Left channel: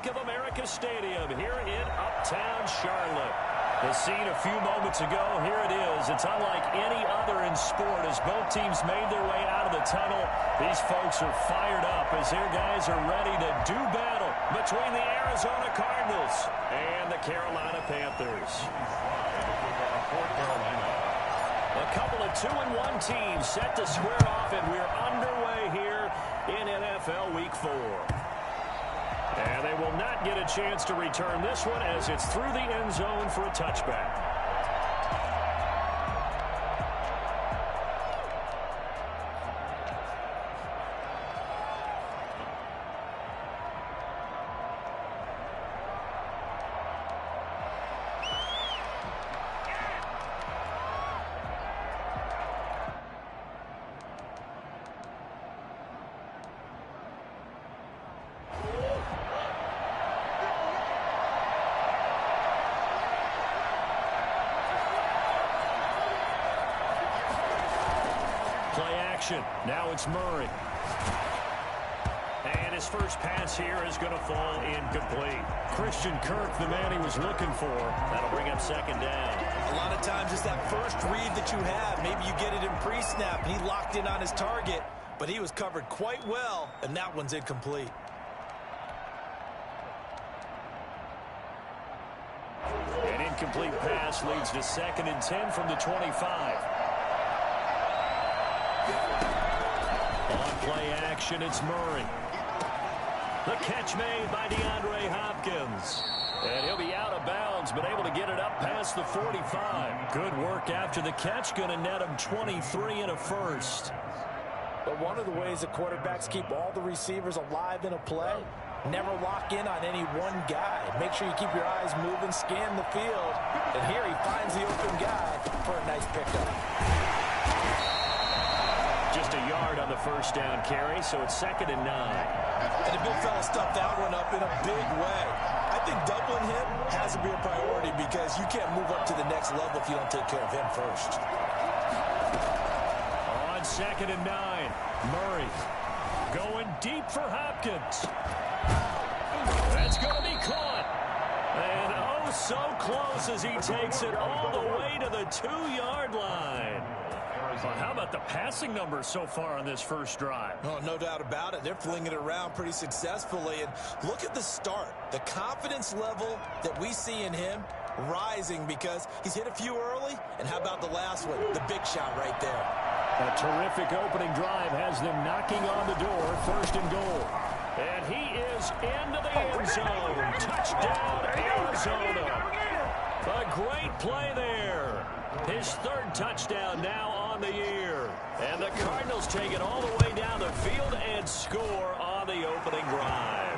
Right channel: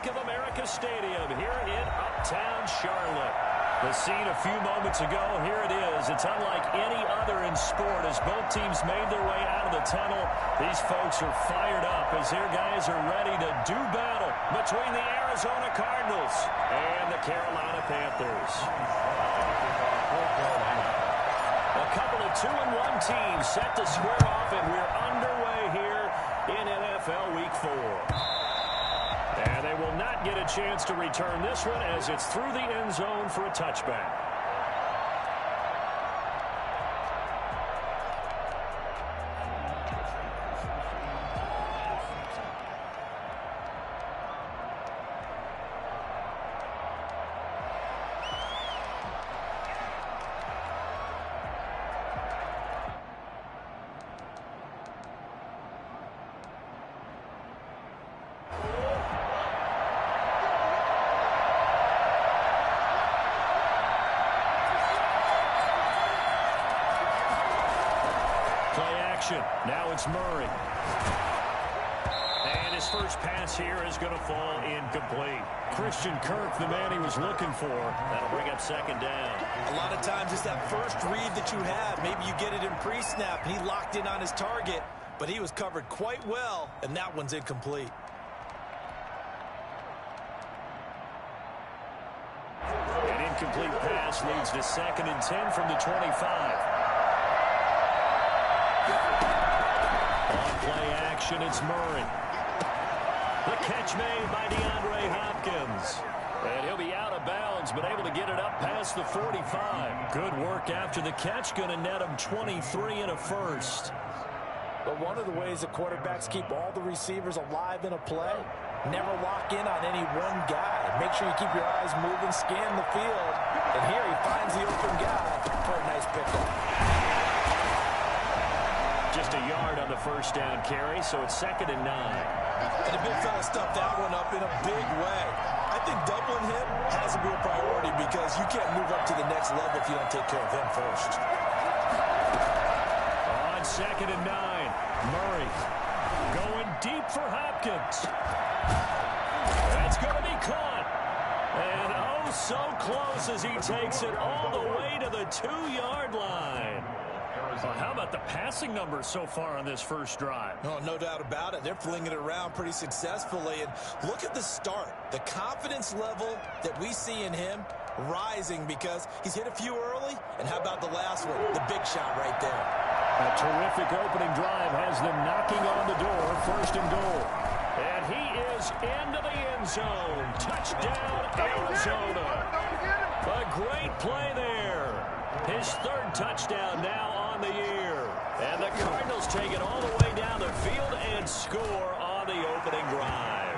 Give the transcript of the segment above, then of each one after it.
Bank of America Stadium here in Uptown Charlotte. The scene a few moments ago, here it is. It's unlike any other in sport as both teams made their way out of the tunnel. These folks are fired up as their guys are ready to do battle between the Arizona Cardinals and the Carolina Panthers. A couple of 2-1 teams set to square off, and we're underway here in NFL Week 4. And they will not get a chance to return this one as it's through the end zone for a touchback. Now it's Murray. And his first pass here is going to fall incomplete. Christian Kirk, the man he was looking for. That'll bring up second down. A lot of times it's that first read that you have. Maybe you get it in pre-snap. He locked in on his target, but he was covered quite well, and that one's incomplete. An incomplete pass leads to 2nd and 10 from the 25. On play action, it's Murray. The catch made by DeAndre Hopkins. And he'll be out of bounds, but able to get it up past the 45. Good work after the catch. Going to net him 23 and a first. But one of the ways that quarterbacks keep all the receivers alive in a play, never lock in on any one guy. Make sure you keep your eyes moving, scan the field. And here he finds the open guy for a nice pickup. Just a yard on the first down carry, so it's 2nd and 9. And the big fella stuffed that one up in a big way. I think doubling him has to be a priority because you can't move up to the next level if you don't take care of him first. On 2nd and 9, Murray going deep for Hopkins. That's going to be caught. And oh, so close as he takes it all the way to the 2-yard line. Well, how about the passing numbers so far on this first drive? Oh, no doubt about it. They're flinging it around pretty successfully. And look at the start. The confidence level that we see in him rising because he's hit a few early. And how about the last one? The big shot right there. A terrific opening drive has them knocking on the door. 1st and goal. And he is into the end zone. Touchdown, Arizona. A great play there. His 3rd touchdown now on the year. And the Cardinals take it all the way down the field and score on the opening drive.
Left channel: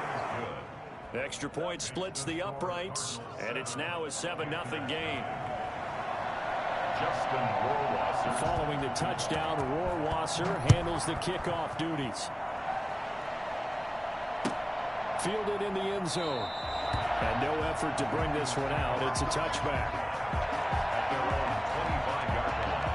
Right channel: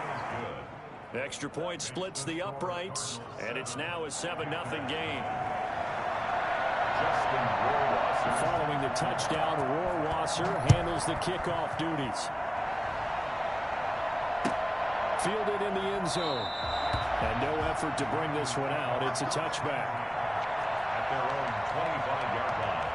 Extra point splits the uprights, and it's now a 7-0 game. Following the touchdown, Rohrwasser handles the kickoff duties. Fielded in the end zone. And no effort to bring this one out. It's a touchback. At their own 25-yard line.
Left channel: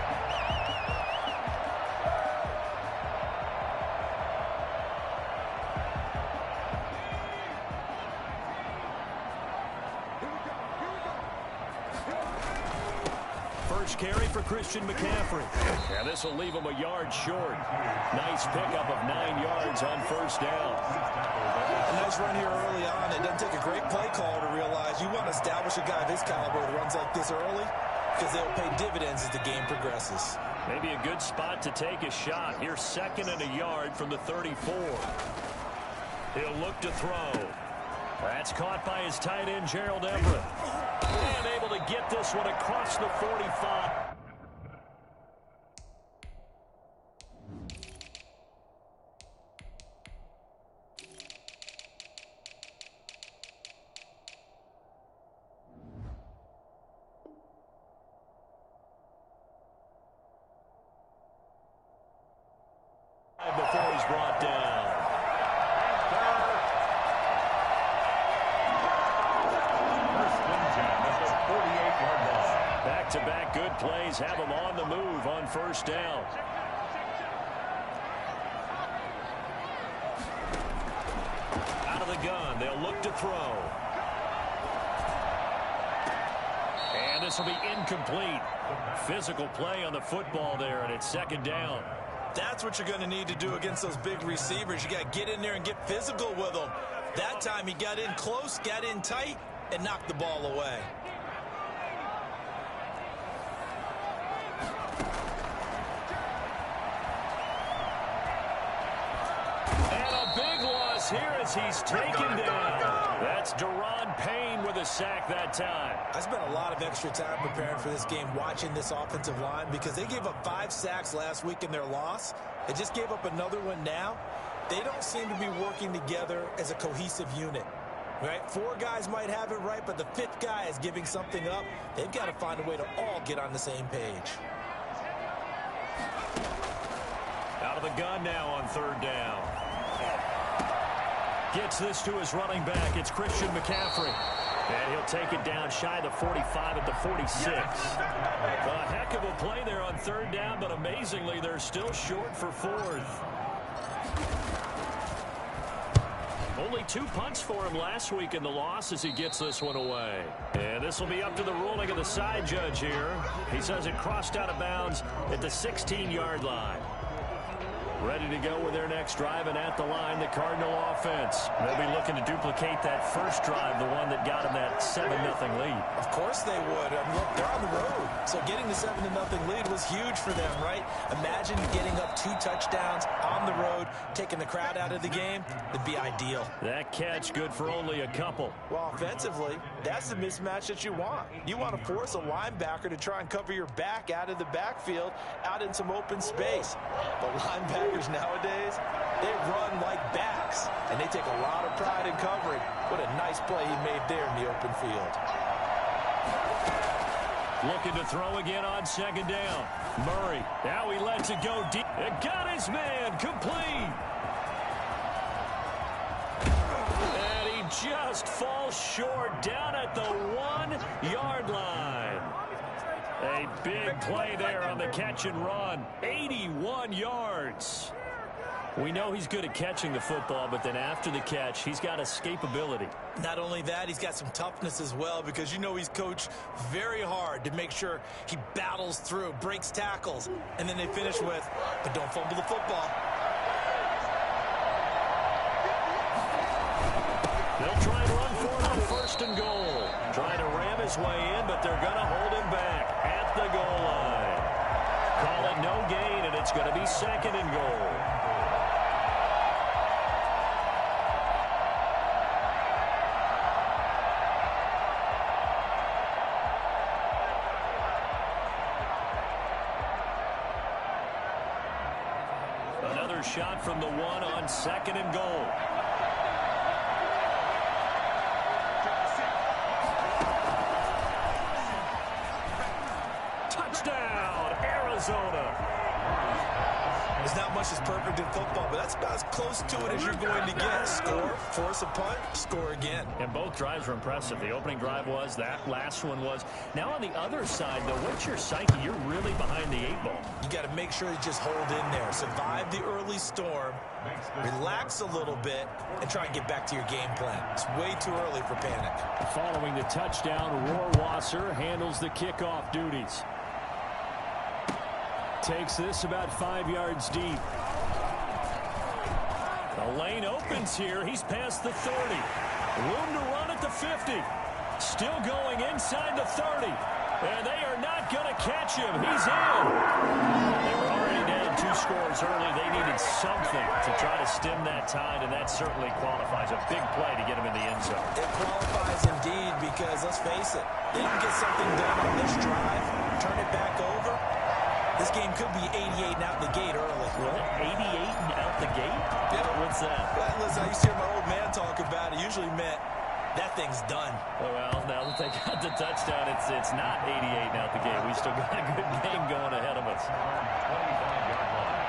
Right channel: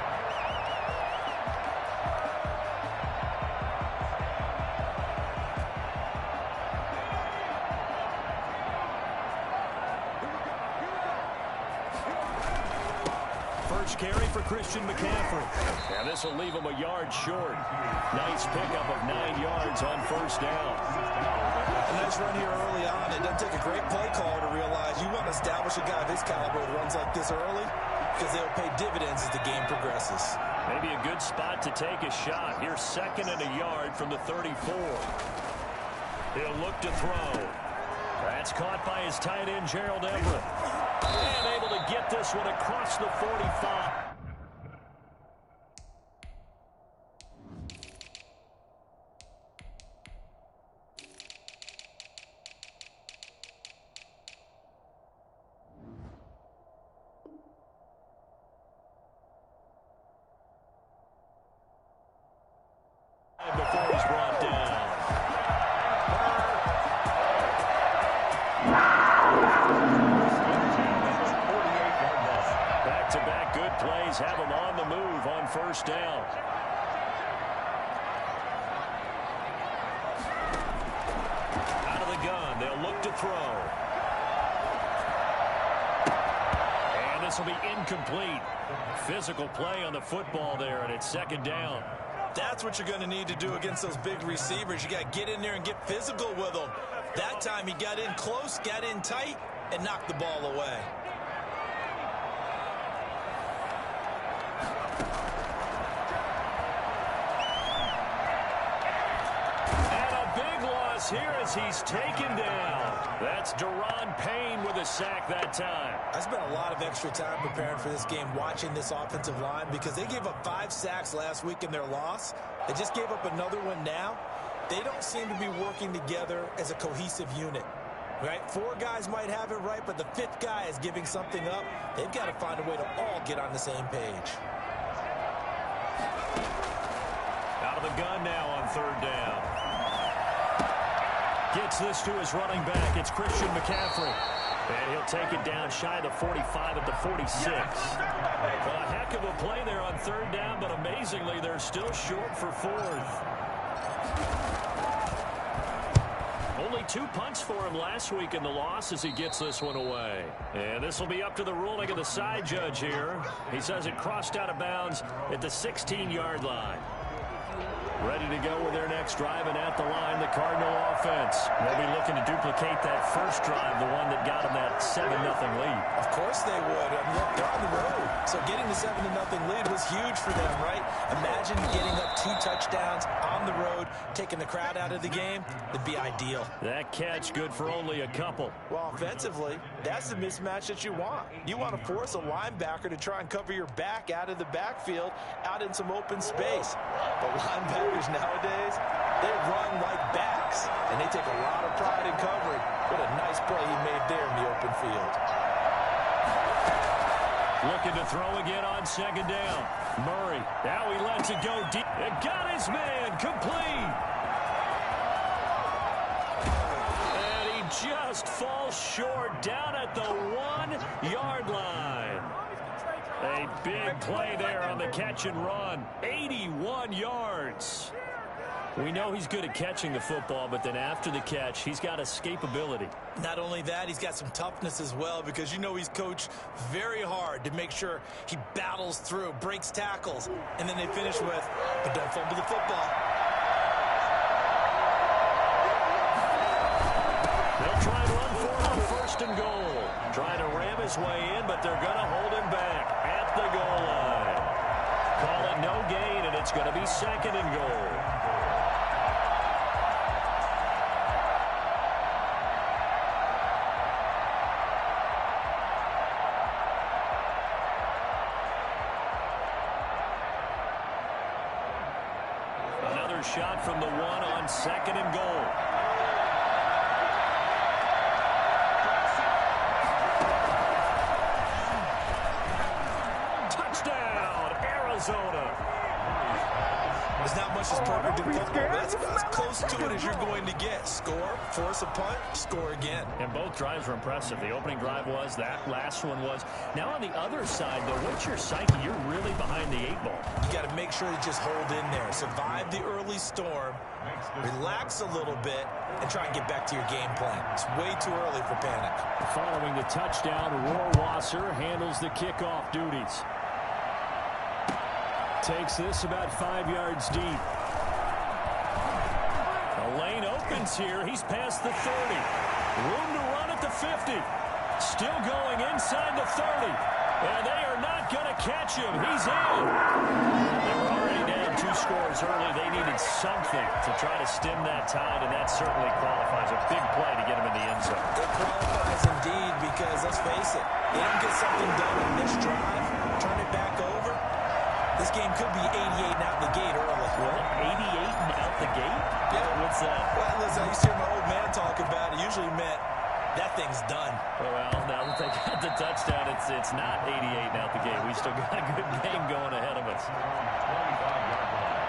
First carry for Christian McCaffrey. And this will leave him a yard short. Nice pickup of 9 yards on first down. A nice run here early on. It doesn't take a great play caller to realize you want to establish a guy of his caliber with runs like this early because they'll pay dividends as the game progresses. Maybe a good spot to take a shot. Here's 2nd and a yard from the 34. He'll look to throw. That's caught by his tight end, Gerald Everett. And able to get this one across the 45. Before he's brought down. Back-to-back good plays have him on the move on first down. Out of the gun. They'll look to throw. And this will be incomplete. Physical play on the football there, and it's second down. That's what you're going to need to do against those big receivers. You got to get in there and get physical with them. That time he got in close, got in tight, and knocked the ball away. And a big loss here as he's taken down. That's Daron Payne with a sack that time. I spent a lot of extra time preparing for this game, watching this offensive line, because they gave up 5 sacks last week in their loss. They just gave up another one now. They don't seem to be working together as a cohesive unit. Right? 4 guys might have it right, but the 5th guy is giving something up. They've got to find a way to all get on the same page. Out of the gun now on third down. Gets this to his running back. It's Christian McCaffrey. And he'll take it down shy of the 45 at the 46. A heck of a play there on third down, but amazingly, they're still short for 4th. Only 2 punts for him last week in the loss as he gets this one away. And this will be up to the ruling of the side judge here. He says it crossed out of bounds at the 16-yard line. Ready to go with their next drive, and at the line, the Cardinal offense. They'll be looking to duplicate that first drive, the one that got them that 7-0 lead. Of course they would. I mean, look, they're on the road. So getting the 7-0 lead was huge for them, right? Imagine getting up 2 touchdowns on the road, taking the crowd out of the game. It'd be ideal. That catch good for only a couple. Well, offensively, that's the mismatch that you want. You want to force a linebacker to try and cover your back out of the backfield, out in some open space. But linebackers nowadays, they run like backs, and they take a lot of pride in covering. What a nice play he made there in the open field. Looking to throw again on second down. Murray, now he lets it go deep. It got his man complete. And he just falls short down at the 1-yard line. A big play there on the catch and run. 81 yards. We know he's good at catching the football, but then after the catch, he's got escapability. Not only that, he's got some toughness as well, because you know he's coached very hard to make sure he battles through, breaks tackles, and then they finish with, but don't fumble the football. They'll try and run for it on first and goal. Trying to ram his way in, but they're going to hold him back at the goal line. Call it no gain, and it's going to be second and goal. Another shot from the 1 on second and goal. Touchdown, Arizona. There's not much that's perfect in football, but that's about as close to it as you're going to get. Score, force a punt, score again. And both drives were impressive. The opening drive was, that last one was. Now on the other side, though, what's your psyche? You're really behind the 8 ball. You got to make sure you just hold in there. Survive the early storm, relax a little bit, and try and get back to your game plan. It's way too early for panic. Following the touchdown, Rohrwasser handles the kickoff duties. Takes this about 5 yards deep. The lane opens here. He's past the 30. Room to run at the 50. Still going inside the 30. And they are not going to catch him. He's in. They were already down 2 scores early. They needed something to try to stem that tide, and that certainly qualifies. A big play to get him in the end zone. It qualifies indeed, because let's face it, they don't get something done on this drive, turn it back over. This game could be 88 and out the gate early. What? 88 and out the gate? Yeah. What's that? Well, listen, I used to hear my old man talk about it. Usually meant that thing's done. Well, now that they got the touchdown, it's not 88 and out the gate. We still got a good game going ahead of us. 25-yard line.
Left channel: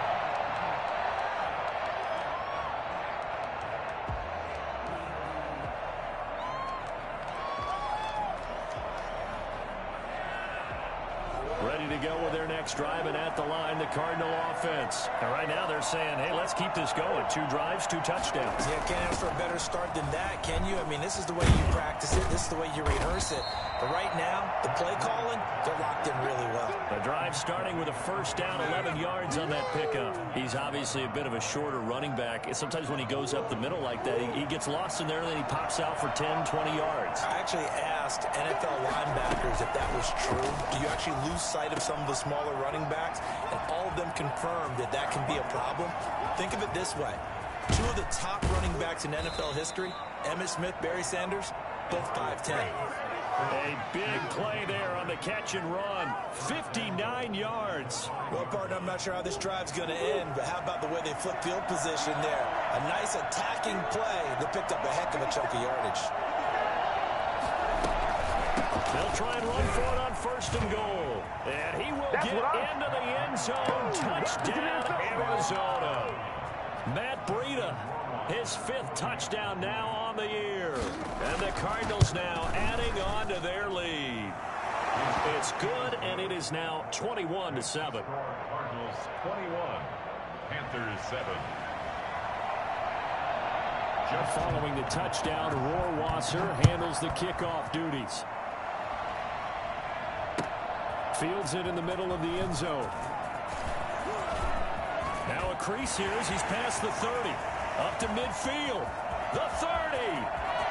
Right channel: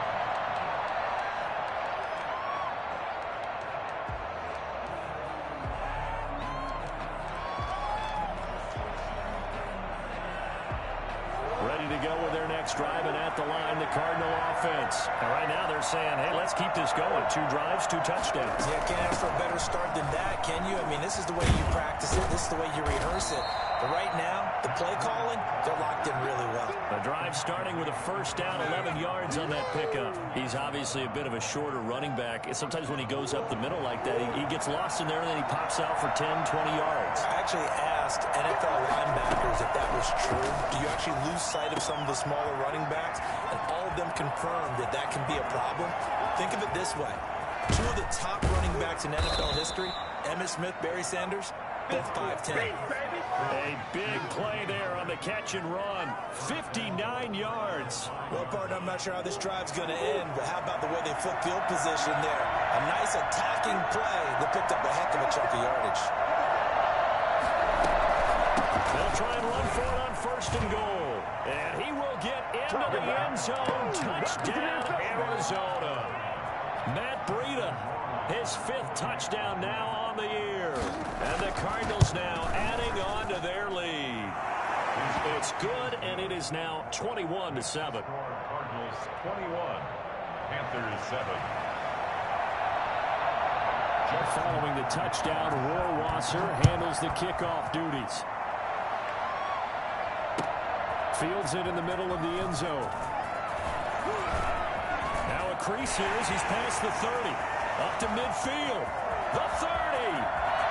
Ready to to go with their next drive, and at the line, the Cardinal offense. And right now they're saying, hey, let's keep this going. 2 drives, 2 touchdowns. Yeah, can't ask for a better start than that, can you? I mean, this is the way you practice it. This is the way you rehearse it. But right now, the play calling, they're locked in really well. The drive starting with a first down, 11 yards on that pickup. He's obviously a bit of a shorter running back. Sometimes when he goes up the middle like that, he gets lost in there, and then he pops out for 10, 20 yards. I actually asked NFL linebackers if that was true. Do you actually lose sight of some of the smaller running backs? And all of them confirmed that that can be a problem. Think of it this way. 2 of the top running backs in NFL history, Emmitt Smith, Barry Sanders, both 5'10". A big play there on the catch and run. 59 yards. Well, partner, I'm not sure how this drive's going to end, but how about the way they flip field position there? A nice attacking play that picked up a heck of a chunk of yardage. They'll try and run for it on first and goal. And he will get into the end zone. Touchdown, Arizona. Matt Breida, his 5th touchdown now on the year. And the Cardinals now adding on to their lead. It's good, and it is now 21-7. Cardinals 21, Panthers 7. Following the touchdown, Rohrwasser handles the kickoff duties. Fields it in the middle of the end zone. Now a crease here as he's past the 30. Up to midfield. The 30.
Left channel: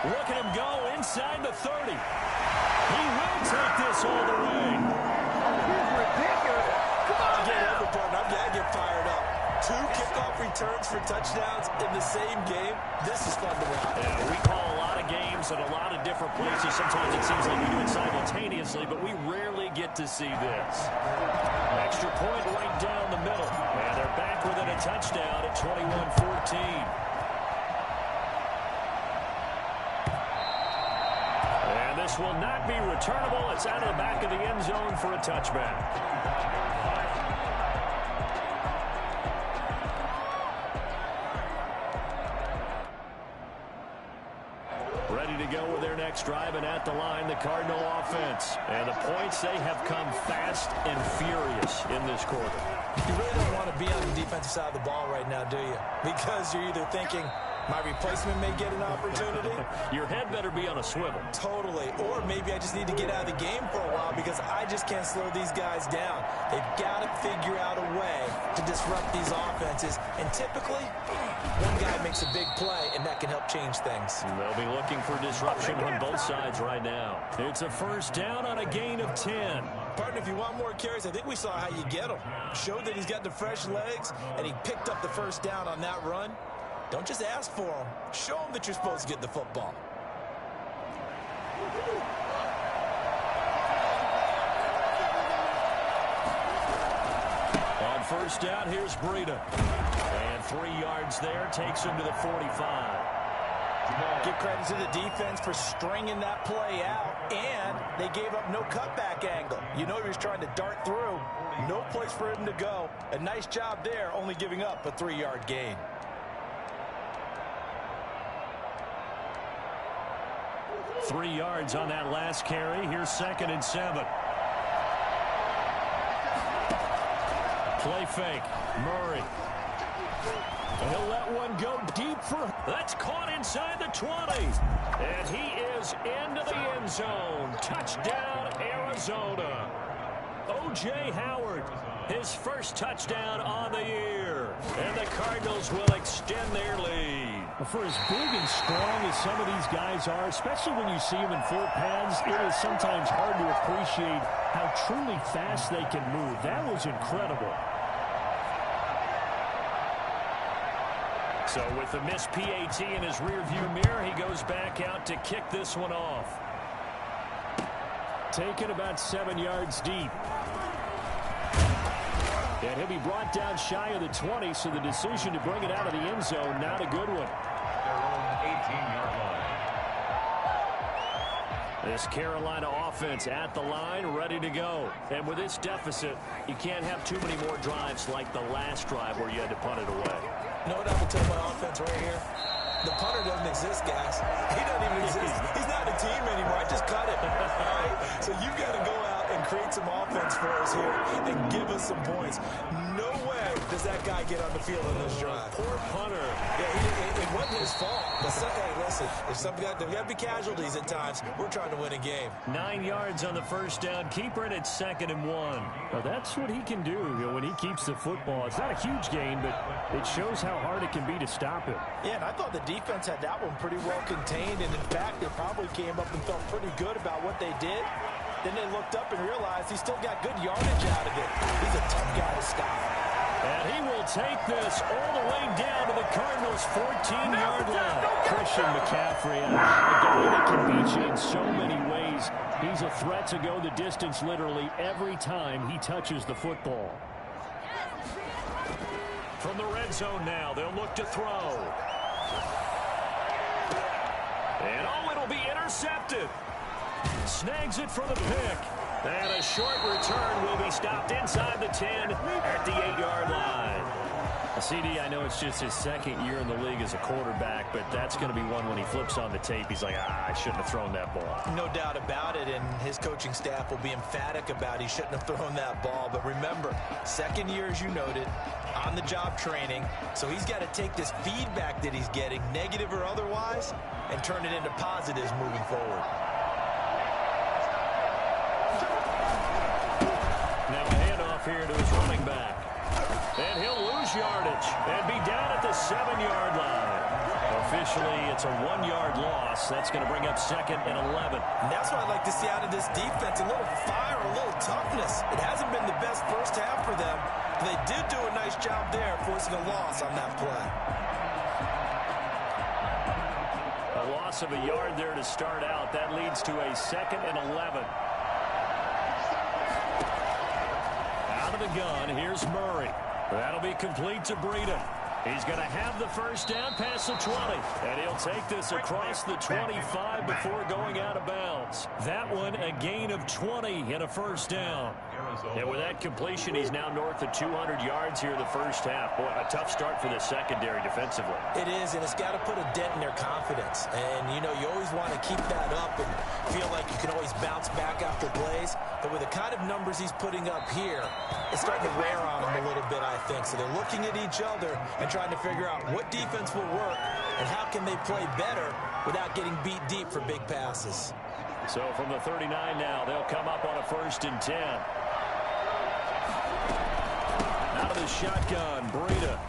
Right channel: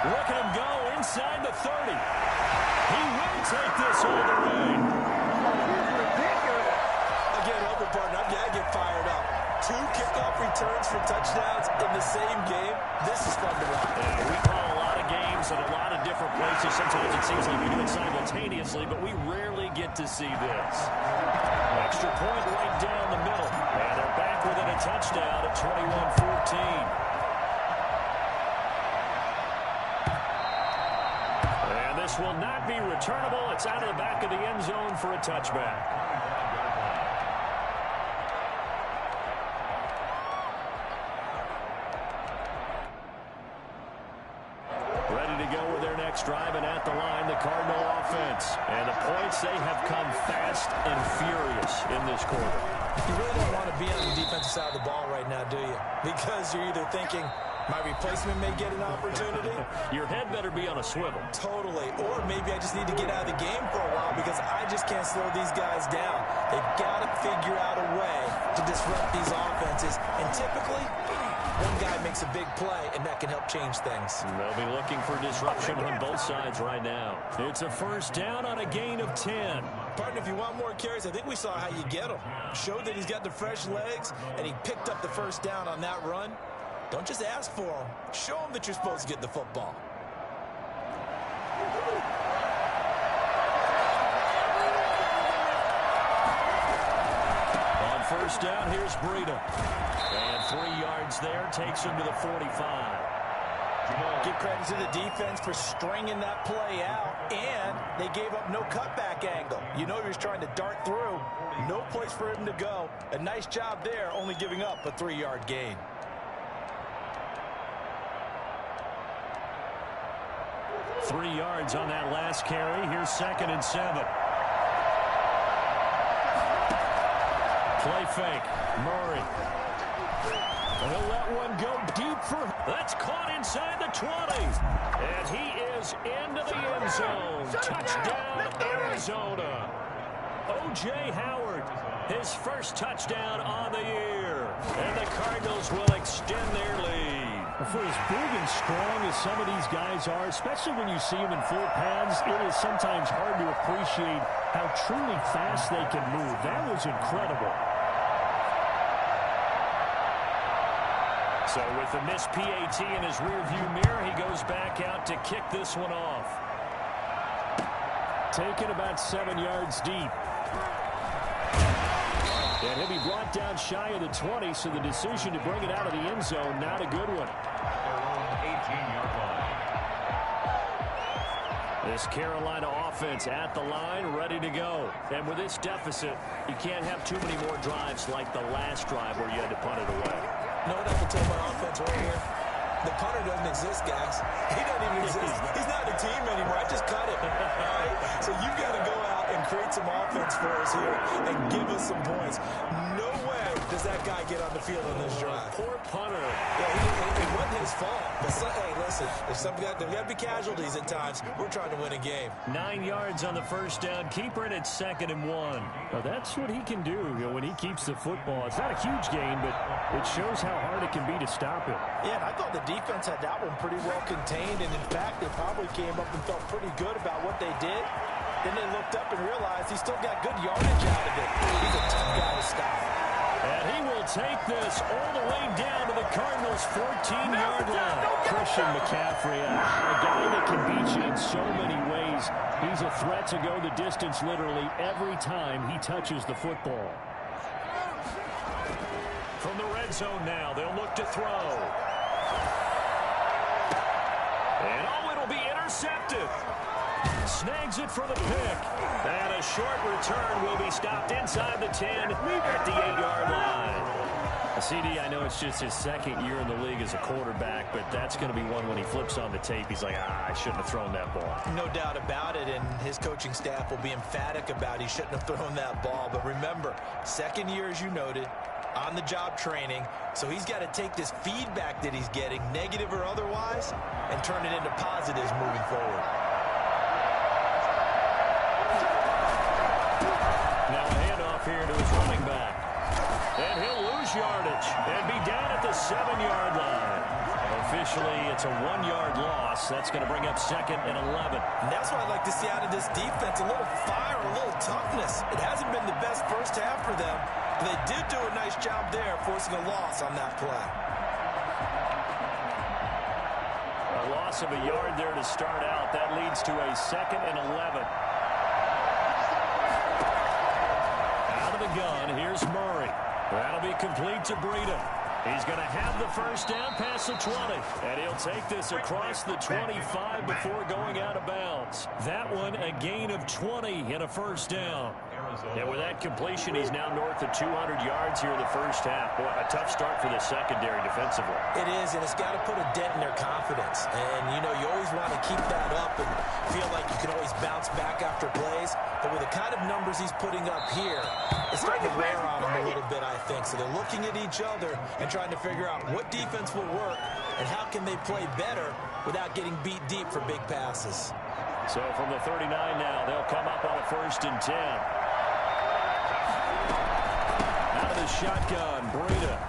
Look at him go inside the 30. He will take this all the way. He's ridiculous. I can't help it, partner. I get fired up. 2 kickoff returns for touchdowns in the same game. This is fun to watch. Yeah, we call a lot of games at a lot of different places. Sometimes it seems like we do it simultaneously, but we rarely get to see this. Extra point right down the middle. And they're back within a touchdown at 21-14. And this will not be returnable. It's out of the back of the end zone for a touchback. Ready to go with their next drive, and at the line, the Cardinal offense. And the points, they have come fast and furious in this quarter. You really don't want to be on the defensive side of the ball right now, do you? Because you're either thinking, my replacement may get an opportunity. Your head better be on a swivel. Totally. Or maybe I just need to get out of the game for a while because I just can't slow these guys down. They've got to figure out a way to disrupt these offenses. And typically, one guy makes a big play, and that can help change things. They'll be looking for disruption on both sides right now. It's a first down on a gain of 10. Partner, if you want more carries, I think we saw how you get them. Showed that he's got the fresh legs, and he picked up the first down on that run. Don't just ask for them. Show them that you're supposed to get the football. On first down, here's Breida. And 3 yards there, takes him to the 45. Give credit to the defense for stringing that play out, and they gave up no cutback angle. You know he was trying to dart through. No place for him to go. A nice job there, only giving up a 3-yard gain. Three yards on that last carry. Here's 2nd and 7. Play fake. Murray. He'll let one go deep for... That's caught inside the 20. And he is into the end zone. Touchdown, Arizona. O.J. Howard, his first touchdown on the year. And the Cardinals will extend their lead. For as big and strong as some of these guys are, especially when you see them in full pads, it is sometimes hard to appreciate how truly fast they can move. That was incredible. So with the missed PAT in his rearview mirror, he goes back out to kick this one off. Taken about 7 yards deep. And he'll be brought down shy of the 20, so the decision to bring it out of the end zone, not a good one. Their own 18-yard line. This Carolina offense at the line, ready to go. And with this deficit, you can't have too many more drives like the last drive where you had to punt it away. You know what I will tell my offense right here? The punter doesn't exist, guys. He doesn't even exist. He's not a team anymore. I just cut it. All right? So you've got to go out and create some offense for us here and give us some points. No way does that guy get on the field on this drive. Poor punter. Yeah, it wasn't his fault. But hey, listen, if there got to be casualties at times, we're trying to win a game. 9 yards on the first down. Keeper it at 2nd and 1. Now, that's what he can do, when he keeps the football. It's not a huge gain, but it shows how hard it can be to stop him. Yeah, and I thought the defense had that one pretty well contained, and in fact, they probably came up and felt pretty good about what they did. Then they looked up and realized he still got good yardage out of it. He's a tough guy to stop. And he will take this all the way down to the Cardinals' 14-yard line. Christian McCaffrey, a guy that can beat you in so many ways. He's a threat to go the distance literally every time he touches the football. From the red zone now, they'll look to throw. And it'll be intercepted. Snags it for the pick. And a short return will be stopped inside the 10 at the 8-yard line. CD, I know it's just his 2nd year in the league as a quarterback, but that's going to be one when he flips on the tape. He's like, I shouldn't have thrown that ball. No doubt about it, and his coaching staff will be emphatic about he shouldn't have thrown that ball. But remember, 2nd year, as you noted, on-the-job training, so he's got to take this feedback that he's getting, negative or otherwise, and turn it into positives moving forward. Now a handoff here to his running back. And he'll lose yardage and be down at the 7-yard line. Officially, it's a 1-yard loss. That's going to bring up 2nd and 11. And that's what I'd like to see out of this defense, a little fire, a little toughness. It hasn't been the best first half for them, but they did do a nice job there, forcing a loss on that play. A loss of a yard there to start out. That leads to a 2nd and 11. Out of the gun, here's Murray. That'll be complete to Breida. He's going to have the first down past the 20. And he'll take this across the 25 before going out of bounds. That one, a gain of 20 and a first down. And with that completion, he's now north of 200 yards here in the first half. Boy, a tough start for the secondary defensively. It is, and it's got to put a dent in their confidence. And, you always want to keep that up and feel like you can always bounce back after plays. But with the kind of numbers he's putting up here, it's starting to wear on them a little bit, I think. So they're looking at each other and trying to figure out what defense will work and how can they play better without getting beat deep for big passes. So from the 39 now, they'll come up on a 1st and 10. Out of the shotgun, Breida.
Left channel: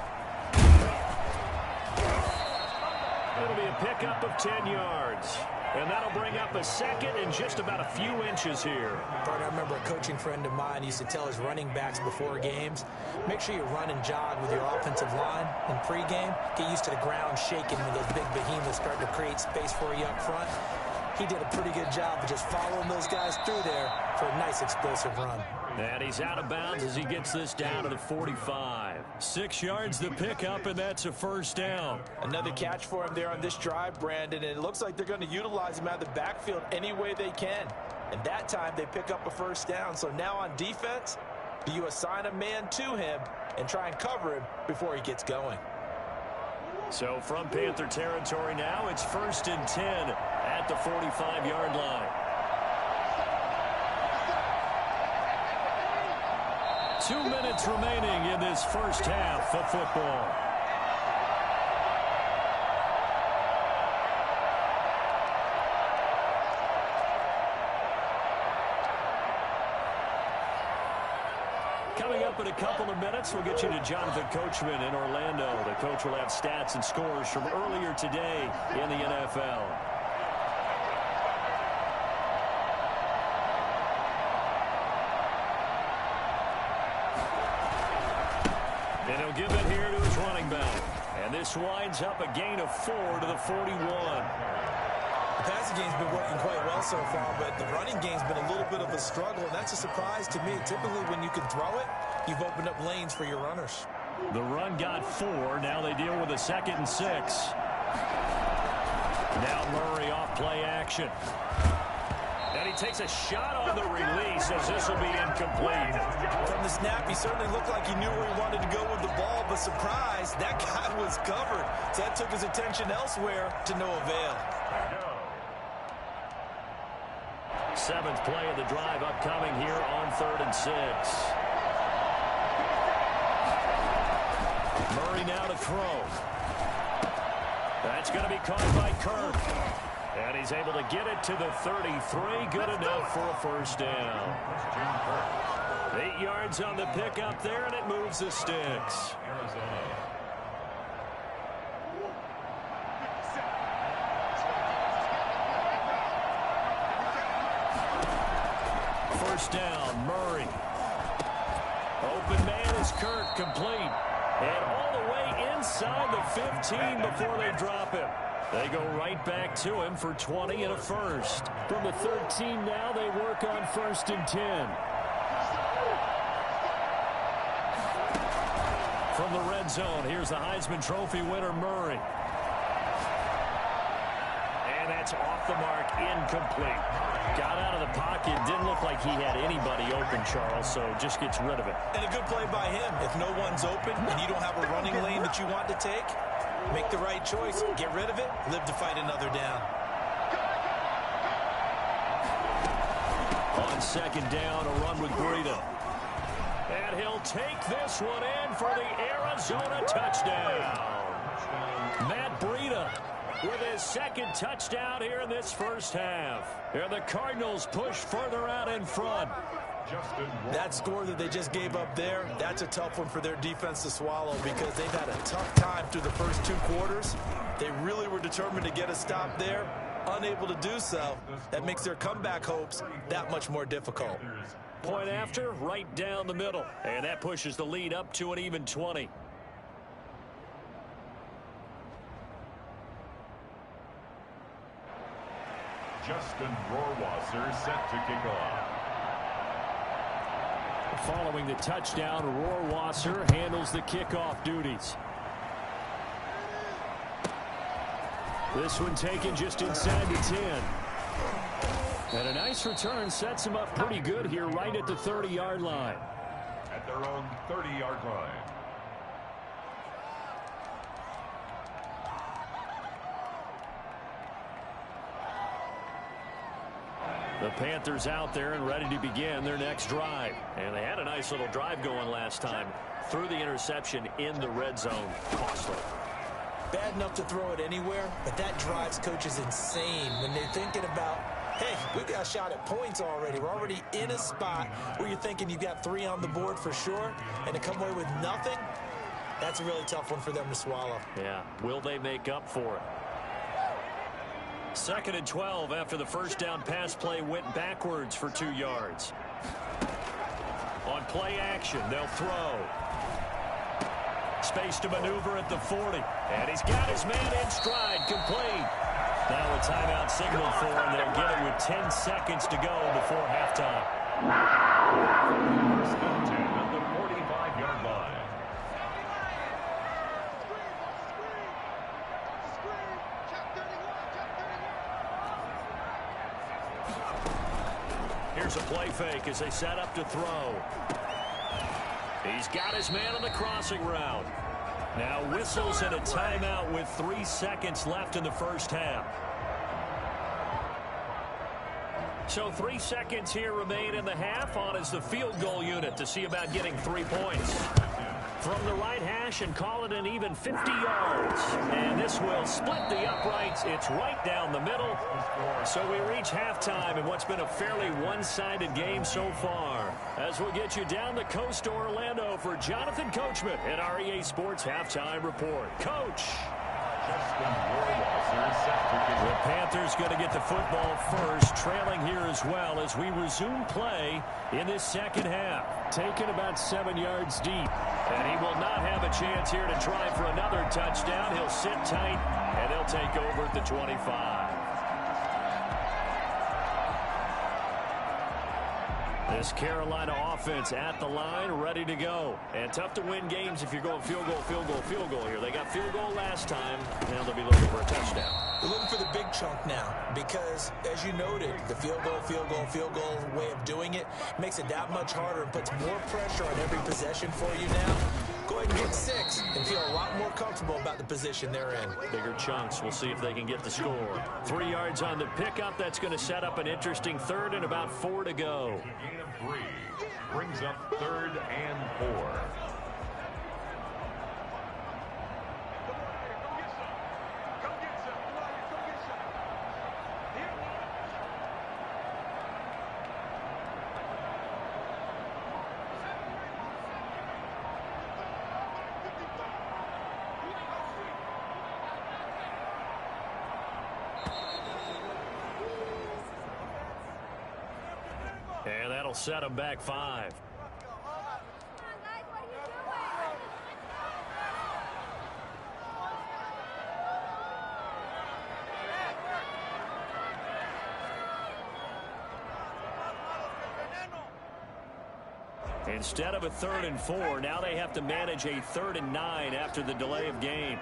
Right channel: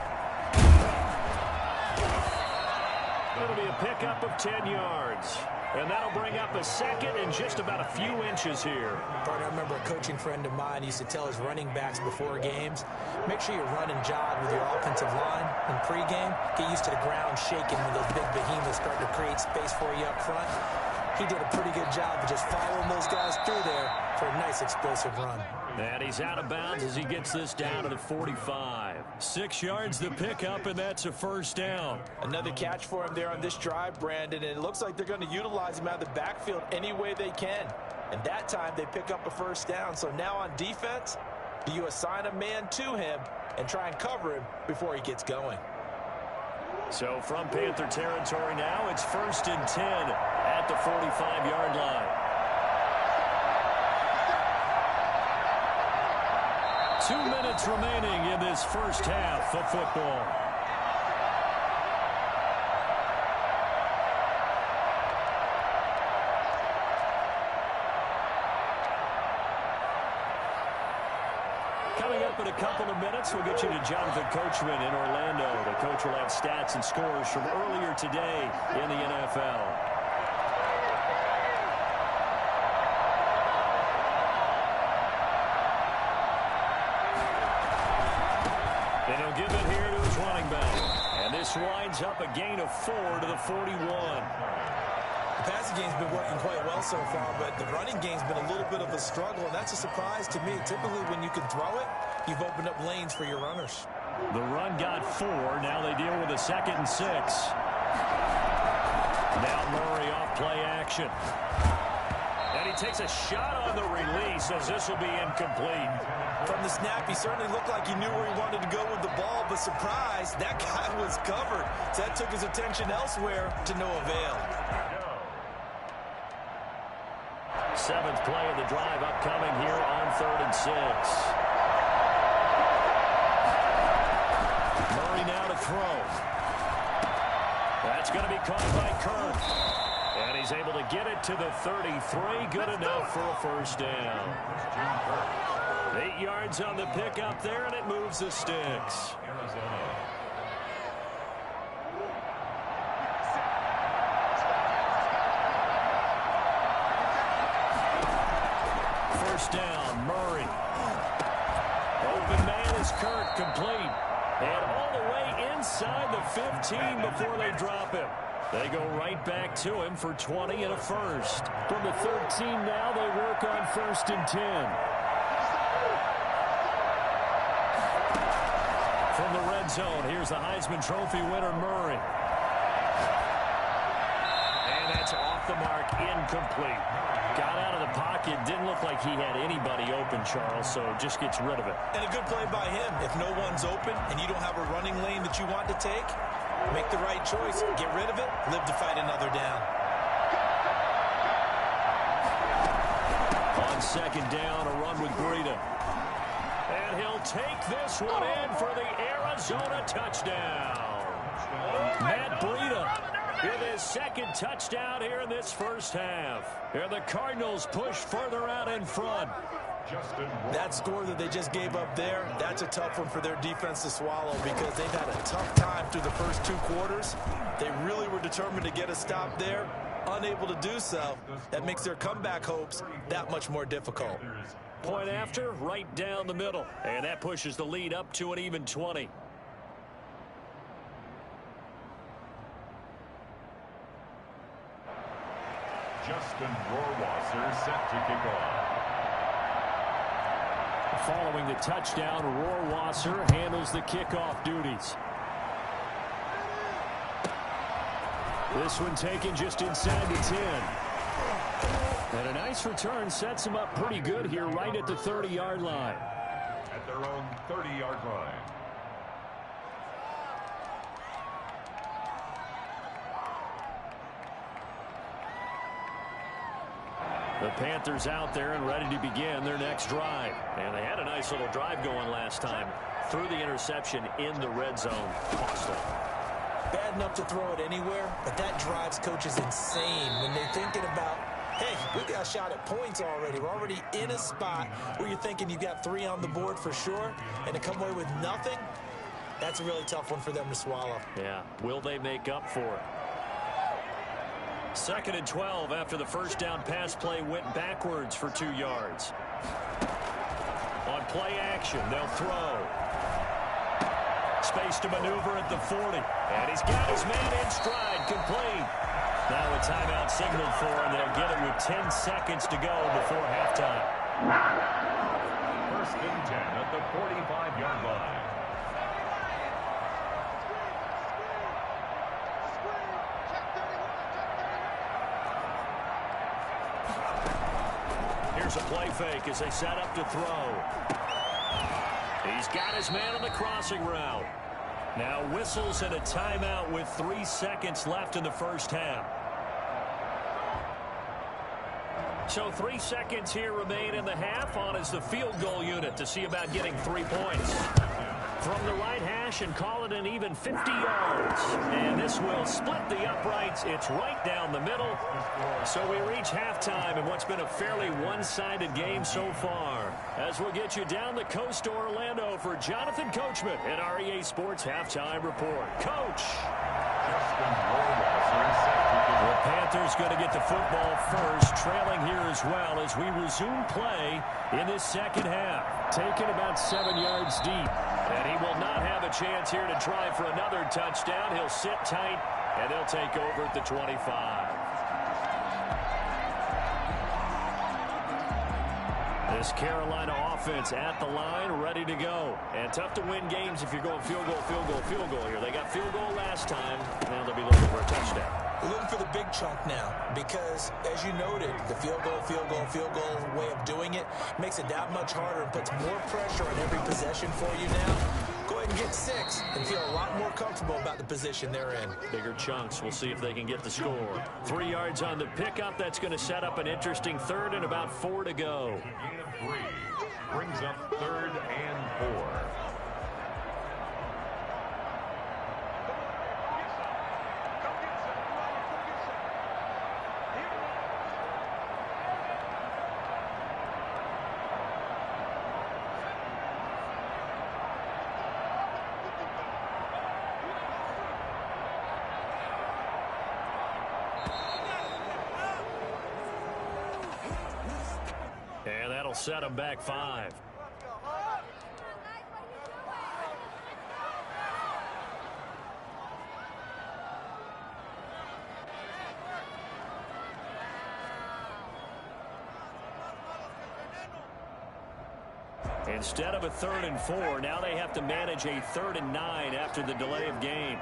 It'll be a pickup of 10 yards. And that'll bring up a 2nd and just about a few inches here. I remember a coaching friend of mine used to tell his running backs before games, make sure you run and jog with your offensive line in pregame. Get used to the ground shaking when those big behemoths start to create space for you up front. He did a pretty good job of just following those guys through there for a nice explosive run. And he's out of bounds as he gets this down to the 45. 6 yards the pickup, and that's a first down. Another catch for him there on this drive, Brandon, and it looks like they're going to utilize him out of the backfield any way they can. And that time they pick up a first down. So now on defense, do you assign a man to him and try and cover him before he gets going? So from Panther territory now, it's 1st and 10 at the 45-yard line. 2 minutes remaining in this first half of football. Coming up in a couple of minutes, we'll get you to Jonathan Coachman in Orlando. The coach will have stats and scores from earlier today in the NFL. And he'll give it here to his running back. And this winds up a gain of 4 to the 41. The passing game's been working quite well so far, but the running game's been a little bit of a struggle, and that's a surprise to me. Typically, when you can throw it, you've opened up lanes for your runners. The run got 4. Now they deal with a 2nd and 6. Now Murray off play action. And he takes a shot on the release as this will be incomplete. From the snap, he certainly looked like he knew where he wanted to go with the ball, but surprise, that guy was covered. So that took his attention elsewhere to no avail. Seventh play of the drive upcoming here on 3rd and 6. Murray now to throw. That's going to be caught by Kirk. And he's able to get it to the 33. Good enough for a first down. 8 yards on the pickup there, and it moves the sticks. First down, Murray. Open man is Kirk, complete. And all the way inside the 15 before they drop him. They go right back to him for 20 and a first. From the 13 now, they work on 1st and 10. From the red zone, here's the Heisman Trophy winner, Murray. And that's off the mark, incomplete. Got out of the pocket, didn't look like he had anybody open, Charles, so just gets rid of it. And a good play by him. If no one's open and you don't have a running lane that you want to take, make the right choice, get rid of it, live to fight another down. On 2nd down, a run with Breida. And he'll take this one in for the Arizona touchdown. Matt Breida with his 2nd touchdown here in this first half. Here the Cardinals push further out in front. That score that they just gave up there, that's a tough one for their defense to swallow because they've had a tough time through the first 2 quarters. They really were determined to get a stop there, unable to do so. That makes their comeback hopes that much more difficult. Point after, right down the middle. And that pushes the lead up to an even 20. Justin Rohrwasser set to kick off. Following the touchdown, Rohrwasser handles the kickoff duties. This one taken just inside the 10. And a nice return sets him up pretty good here right at the 30-yard line. At their own 30-yard line. The Panthers out there and ready to begin their next drive. And they had a nice little drive going last time. Threw the interception in the red zone. Costly. Bad enough to throw it anywhere, but that drives coaches insane when they're thinking about, hey, we got a shot at points already. We're already in a spot where you're thinking you got 3 on the board for sure, and to come away with nothing, that's a really tough one for them to swallow. Yeah, will they make up for it? 2nd and 12 after the first down pass play went backwards for 2 yards. On play action, they'll throw. Space to maneuver at the 40. And he's got his man in stride, complete. Now a timeout signaled for, and they'll get it with 10 seconds to go before halftime. 1st and 10 at the 45-yard line. Here's a play fake as they set up to throw. He's got his man on the crossing route. Now whistles and a timeout with 3 seconds left in the first half. So 3 seconds here remain in the half. On is the field goal unit to see about getting 3 points. From the right hash and call it an even 50 yards. And this will split the uprights. It's right down the middle. So we reach halftime in what's been a fairly one-sided game so far. As we'll get you down the coast to Orlando for Jonathan Coachman at our EA Sports Halftime Report. Coach. The Panthers going to get the football first, trailing here as well as we resume play in this second half. Taken about 7 yards deep. And he will not have a chance here to try for another touchdown. He'll sit tight, and they'll take over at the 25. This Carolina offense at the line, ready to go. And tough to win games if you're going field goal, field goal, field goal here. They got field goal last time. Now they'll be looking for a touchdown. They're looking for the big chunk now because, as you noted, the field goal way of doing it makes it that much harder and puts more pressure on every possession for you now. Go ahead and get 6 and feel a lot more comfortable about the position they're in. Bigger chunks. We'll see if they can get the score. 3 yards on the pickup. That's going to set up an interesting third and about 4 to go. Gain of 3 brings up 3rd and 4. And that'll set them back 5. Instead of a 3rd and 4, now they have to manage a 3rd and 9 after the delay of game.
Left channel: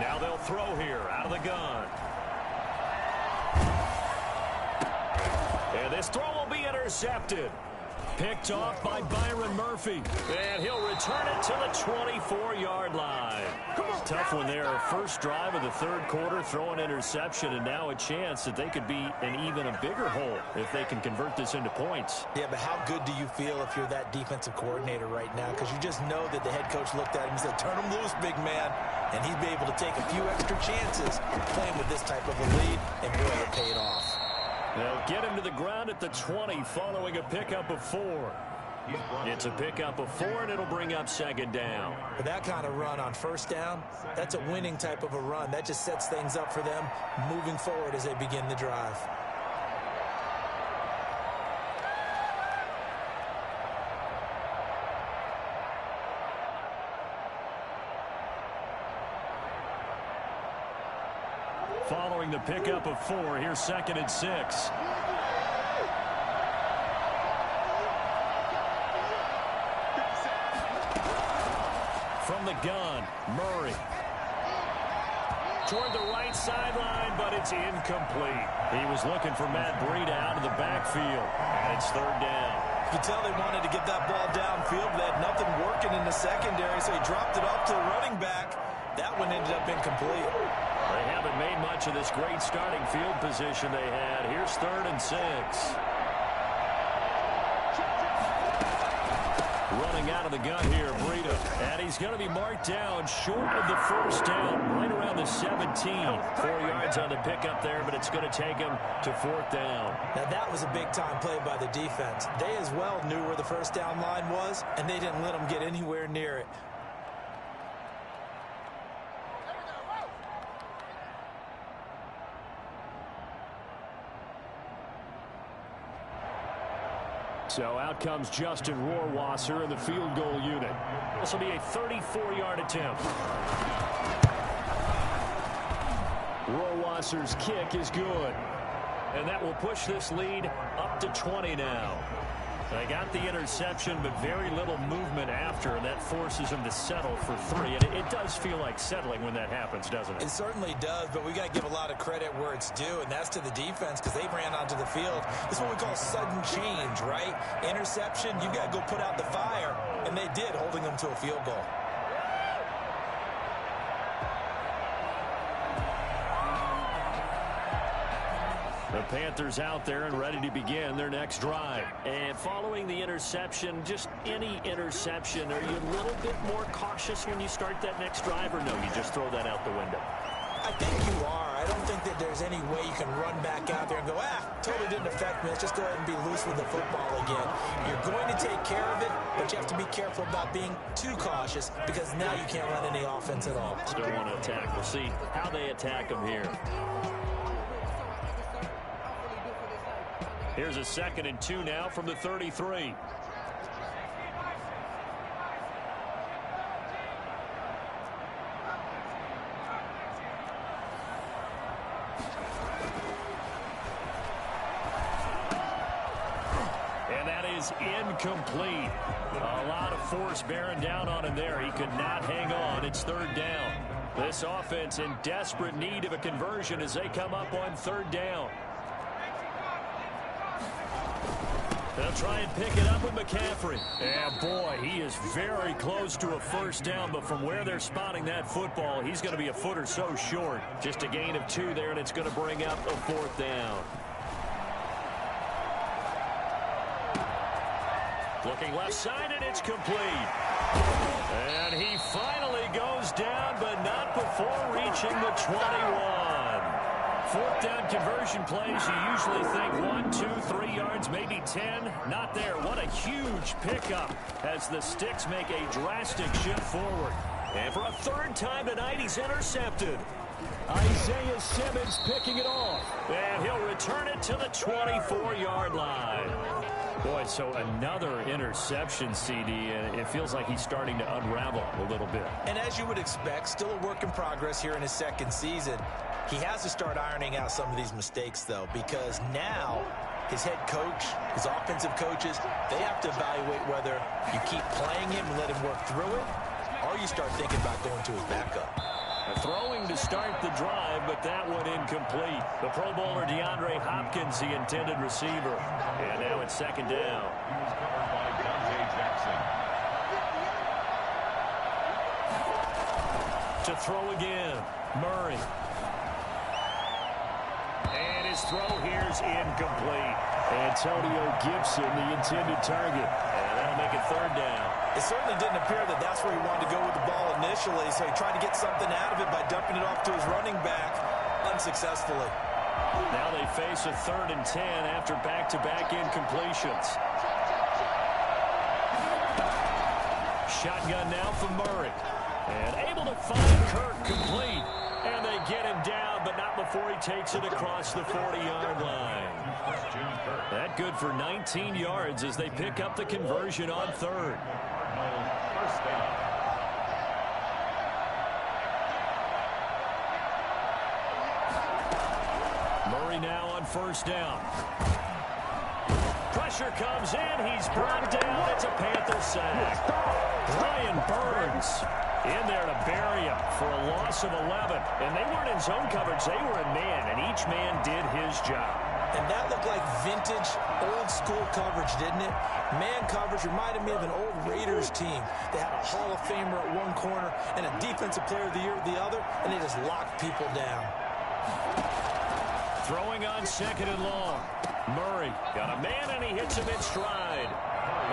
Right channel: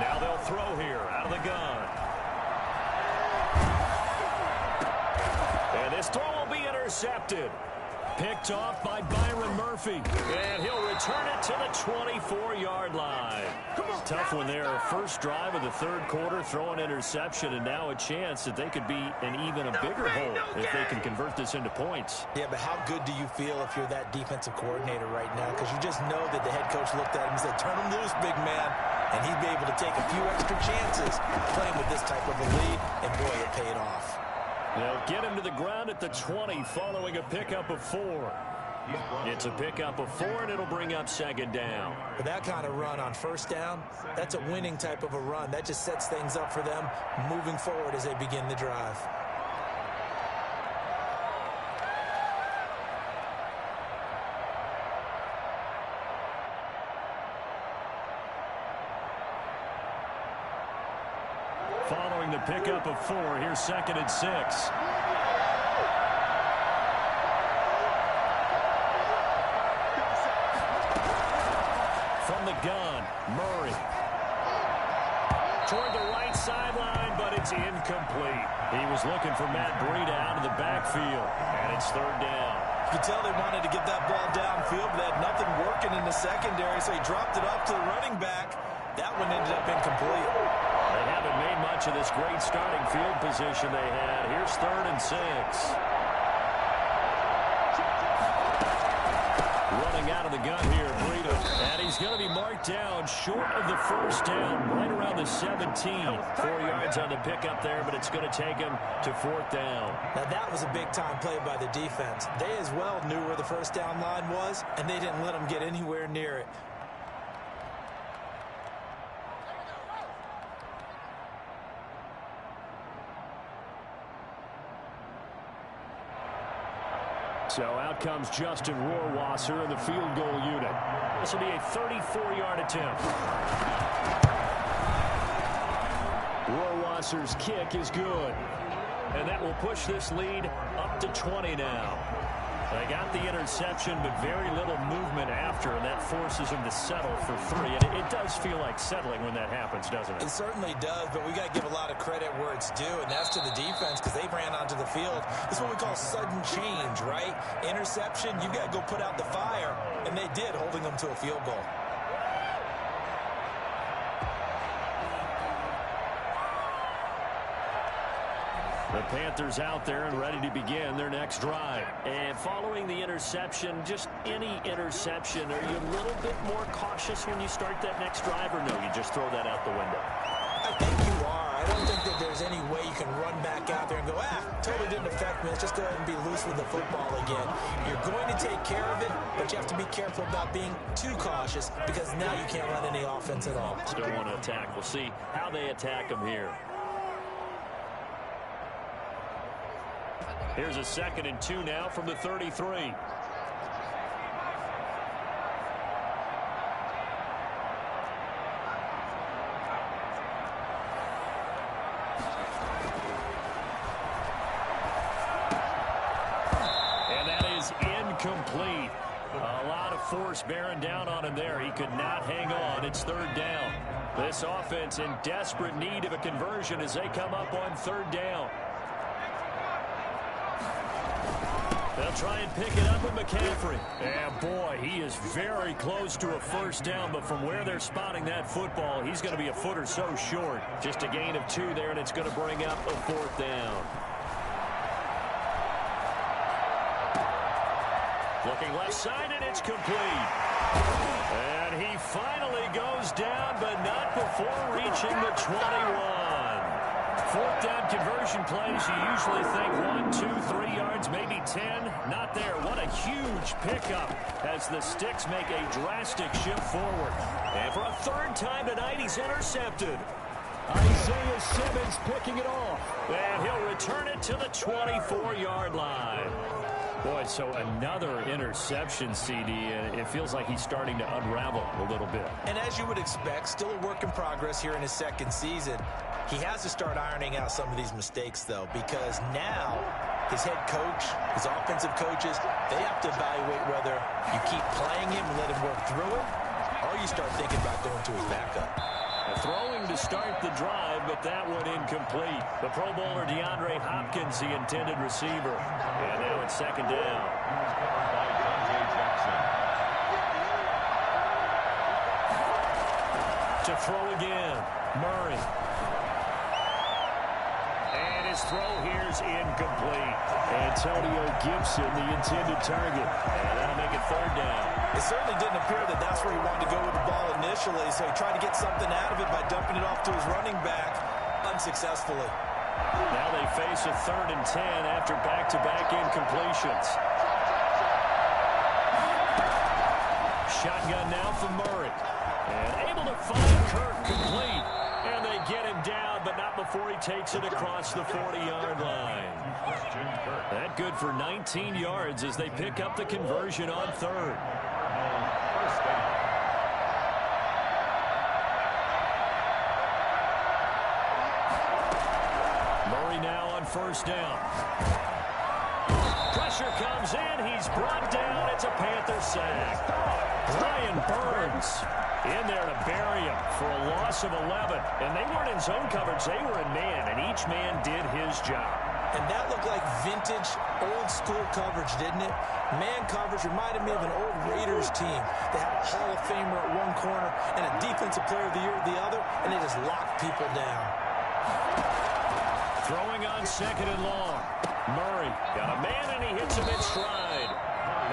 Now they'll throw here out of the gun. And this throw will be intercepted. Picked off by Byron Murphy. And he'll return it to the 24-yard line. Tough one there. First drive of the 3rd quarter, throw an interception, and now a chance that they could be in even a bigger hole if they can convert this into points. Yeah, but how good do you feel if you're that defensive coordinator right now? Because you just know that the head coach looked at him and said, turn him loose, big man. And he'd be able to take a few extra chances playing with this type of a lead, and boy, it paid off. They'll get him to the ground at the 20 following a pickup of 4. It's a pickup of 4, and it'll bring up 2nd down. For that kind of run on 1st down, that's a winning type of a run. That just sets things up for them moving forward as they begin the drive. Following the pickup of 4, here's 2nd and 6. From the gun, Murray. Toward the right sideline, but it's incomplete. He was looking for Matt Breida out of the backfield, and it's 3rd down. You could tell they wanted to get that ball downfield, but they had nothing working in the secondary, so he dropped it off to the running back. That one ended up incomplete. They haven't made much of this great starting field position they had. Here's 3rd and 6. Running out of the gun here, Breida. And he's going to be marked down short of the 1st down, right around the 17. 4 yards on the pickup there, but it's going to take him to 4th down. Now, that was a big-time play by the defense. They as well knew where the 1st down line was, and they didn't let them get anywhere near it. So out comes Justin Rohrwasser in the field goal unit. This will be a 34-yard attempt. Rohrwasser's kick is good. And that will push this lead up to 20 now. They got the interception, but very little movement after, and that forces them to settle for 3. And it does feel like settling when that happens, doesn't it? It certainly does, but we got to give a lot of credit where it's due, and that's to the defense because they ran onto the field. This is what we call sudden change, right? Interception, you got to go put out the fire, and they did, holding them to a field goal. The Panthers out there and ready to begin their next drive. And following the interception, just any interception, are you a little bit more cautious when you start that next drive, or no, you just throw that out the window? I think you are. I don't think that there's any way you can run back out there and go, totally didn't affect me. Let's just go ahead and be loose with the football again. You're going to take care of it, but you have to be careful about being too cautious because now you can't run any offense at all. Still want to attack. We'll see how they attack them here. Here's a 2nd and 2 now from the 33. is incomplete. A lot of force bearing down on him there. He could not hang on. It's third down. This offense in desperate need of a conversion as they come up on third down. They'll try and pick it up with McCaffrey. And boy, he is very close to a first down, but from where they're spotting that football, he's going to be a foot or so short. Just a gain of 2 there, and it's going to bring up a fourth down. Looking left side, and it's complete. And he finally goes down, but not before reaching the 21. Fourth down conversion plays, you usually think 1, 2, 3 yards, maybe 10. Not there. What a huge pickup as the Sticks make a drastic shift forward. And for a third time tonight, he's intercepted. Isaiah Simmons picking it off. And he'll return it to the 24-yard line. Boy, so another interception, CD, and it feels like he's starting to unravel a little bit. And as you would expect, still a work in progress here in his second season. He has to start ironing out some of these mistakes, though, because now his head coach, his offensive coaches, they have to evaluate whether you keep playing him and let him work through it, or you start thinking about going to his backup. Throwing to start the drive, but that one incomplete. The Pro Bowler DeAndre Hopkins, the intended receiver. And now it's second down. He was covered by Dante Jackson. To throw again, Murray. And his throw here's incomplete. Antonio Gibson, the intended target. And that'll make it third down. It certainly didn't appear that that's where he wanted to go with the ball initially, so he tried to get something out of it by dumping it off to his running back unsuccessfully. Now they face a 3rd and 10 after back-to-back incompletions. Shotgun now from Murray. And able to find Kirk complete. And they get him down, but not before he takes it across the 40-yard line. That good for 19 yards as they pick up the conversion on 3rd. First down. Murray now on first down. Pressure comes in. He's brought down. It's a Panther sack. Brian Burns in there to bury him for a loss of 11. And they weren't in zone coverage. They were in man, and each man did his job. And that looked like vintage, old-school coverage, didn't it? Man coverage reminded me of an old Raiders team. They had a Hall of Famer at one corner and a Defensive Player of the Year at the other, and they just locked people down. Throwing on 2nd and long. Murray got a man, and he hits him in stride.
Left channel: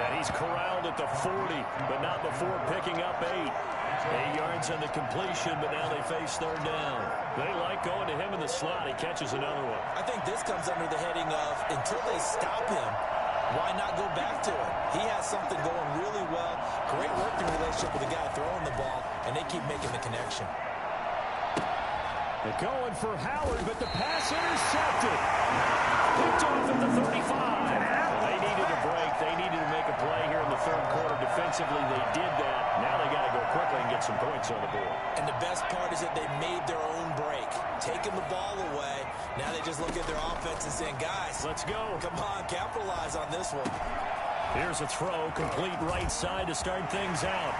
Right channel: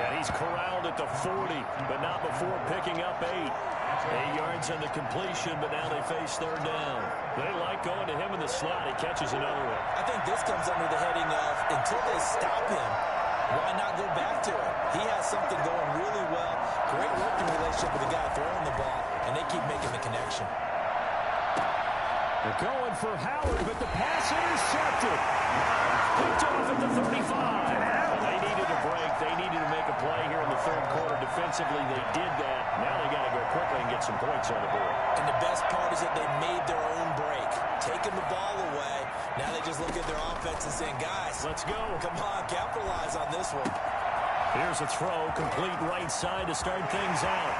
And he's corralled at the 40, but not before picking up 8. 8 yards on the completion, but now they face 3rd down. They like going to him in the slot. He catches another one. I think this comes under the heading of, until they stop him, why not go back to it? He has something going really well. Great working relationship with the guy throwing the ball, and they keep making the connection. They're going for Howard, but the pass intercepted. Picked off at the 35. Well, they needed a break. They needed to make a play here in the 3rd quarter. Defensively, they did that. Now they got to go quickly and get some points on the board. And the best part is that they made their own break. Taking the ball away. Now they just look at their offense and saying, guys, let's go. Come on, capitalize on this one. Here's a throw, complete right side to start things out.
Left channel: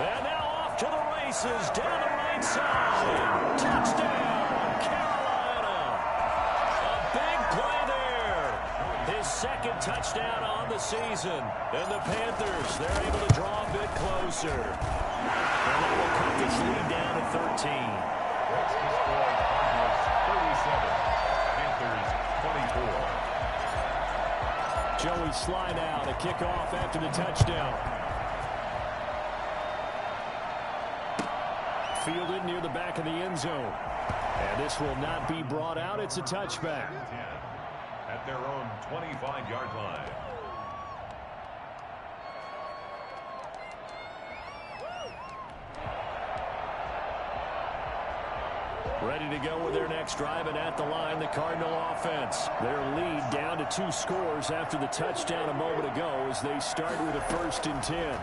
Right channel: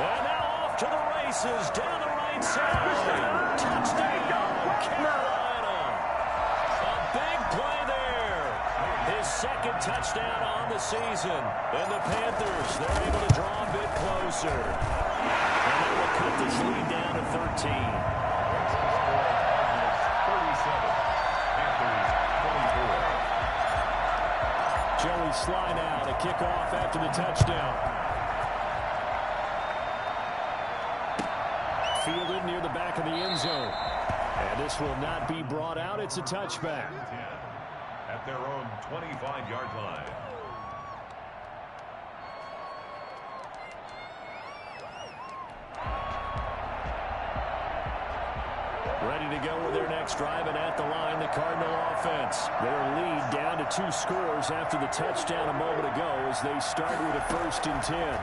And now off to the races, down the right side. Touchdown, Carolina. A big play there. His 2nd touchdown on the season. And the Panthers, they're able to draw a bit closer. And that will cut this lead down to 13. That's the score. Cardinals 37. Panthers 24. Joey Slye now to kick off after the touchdown. Fielded near the back of the end zone. And this will not be brought out. It's a touchback. 10 at their own 25-yard line. Ready to go with their next drive, and at the line, the Cardinal offense. Their lead down to 2 scores after the touchdown a moment ago as they start with a 1st and 10.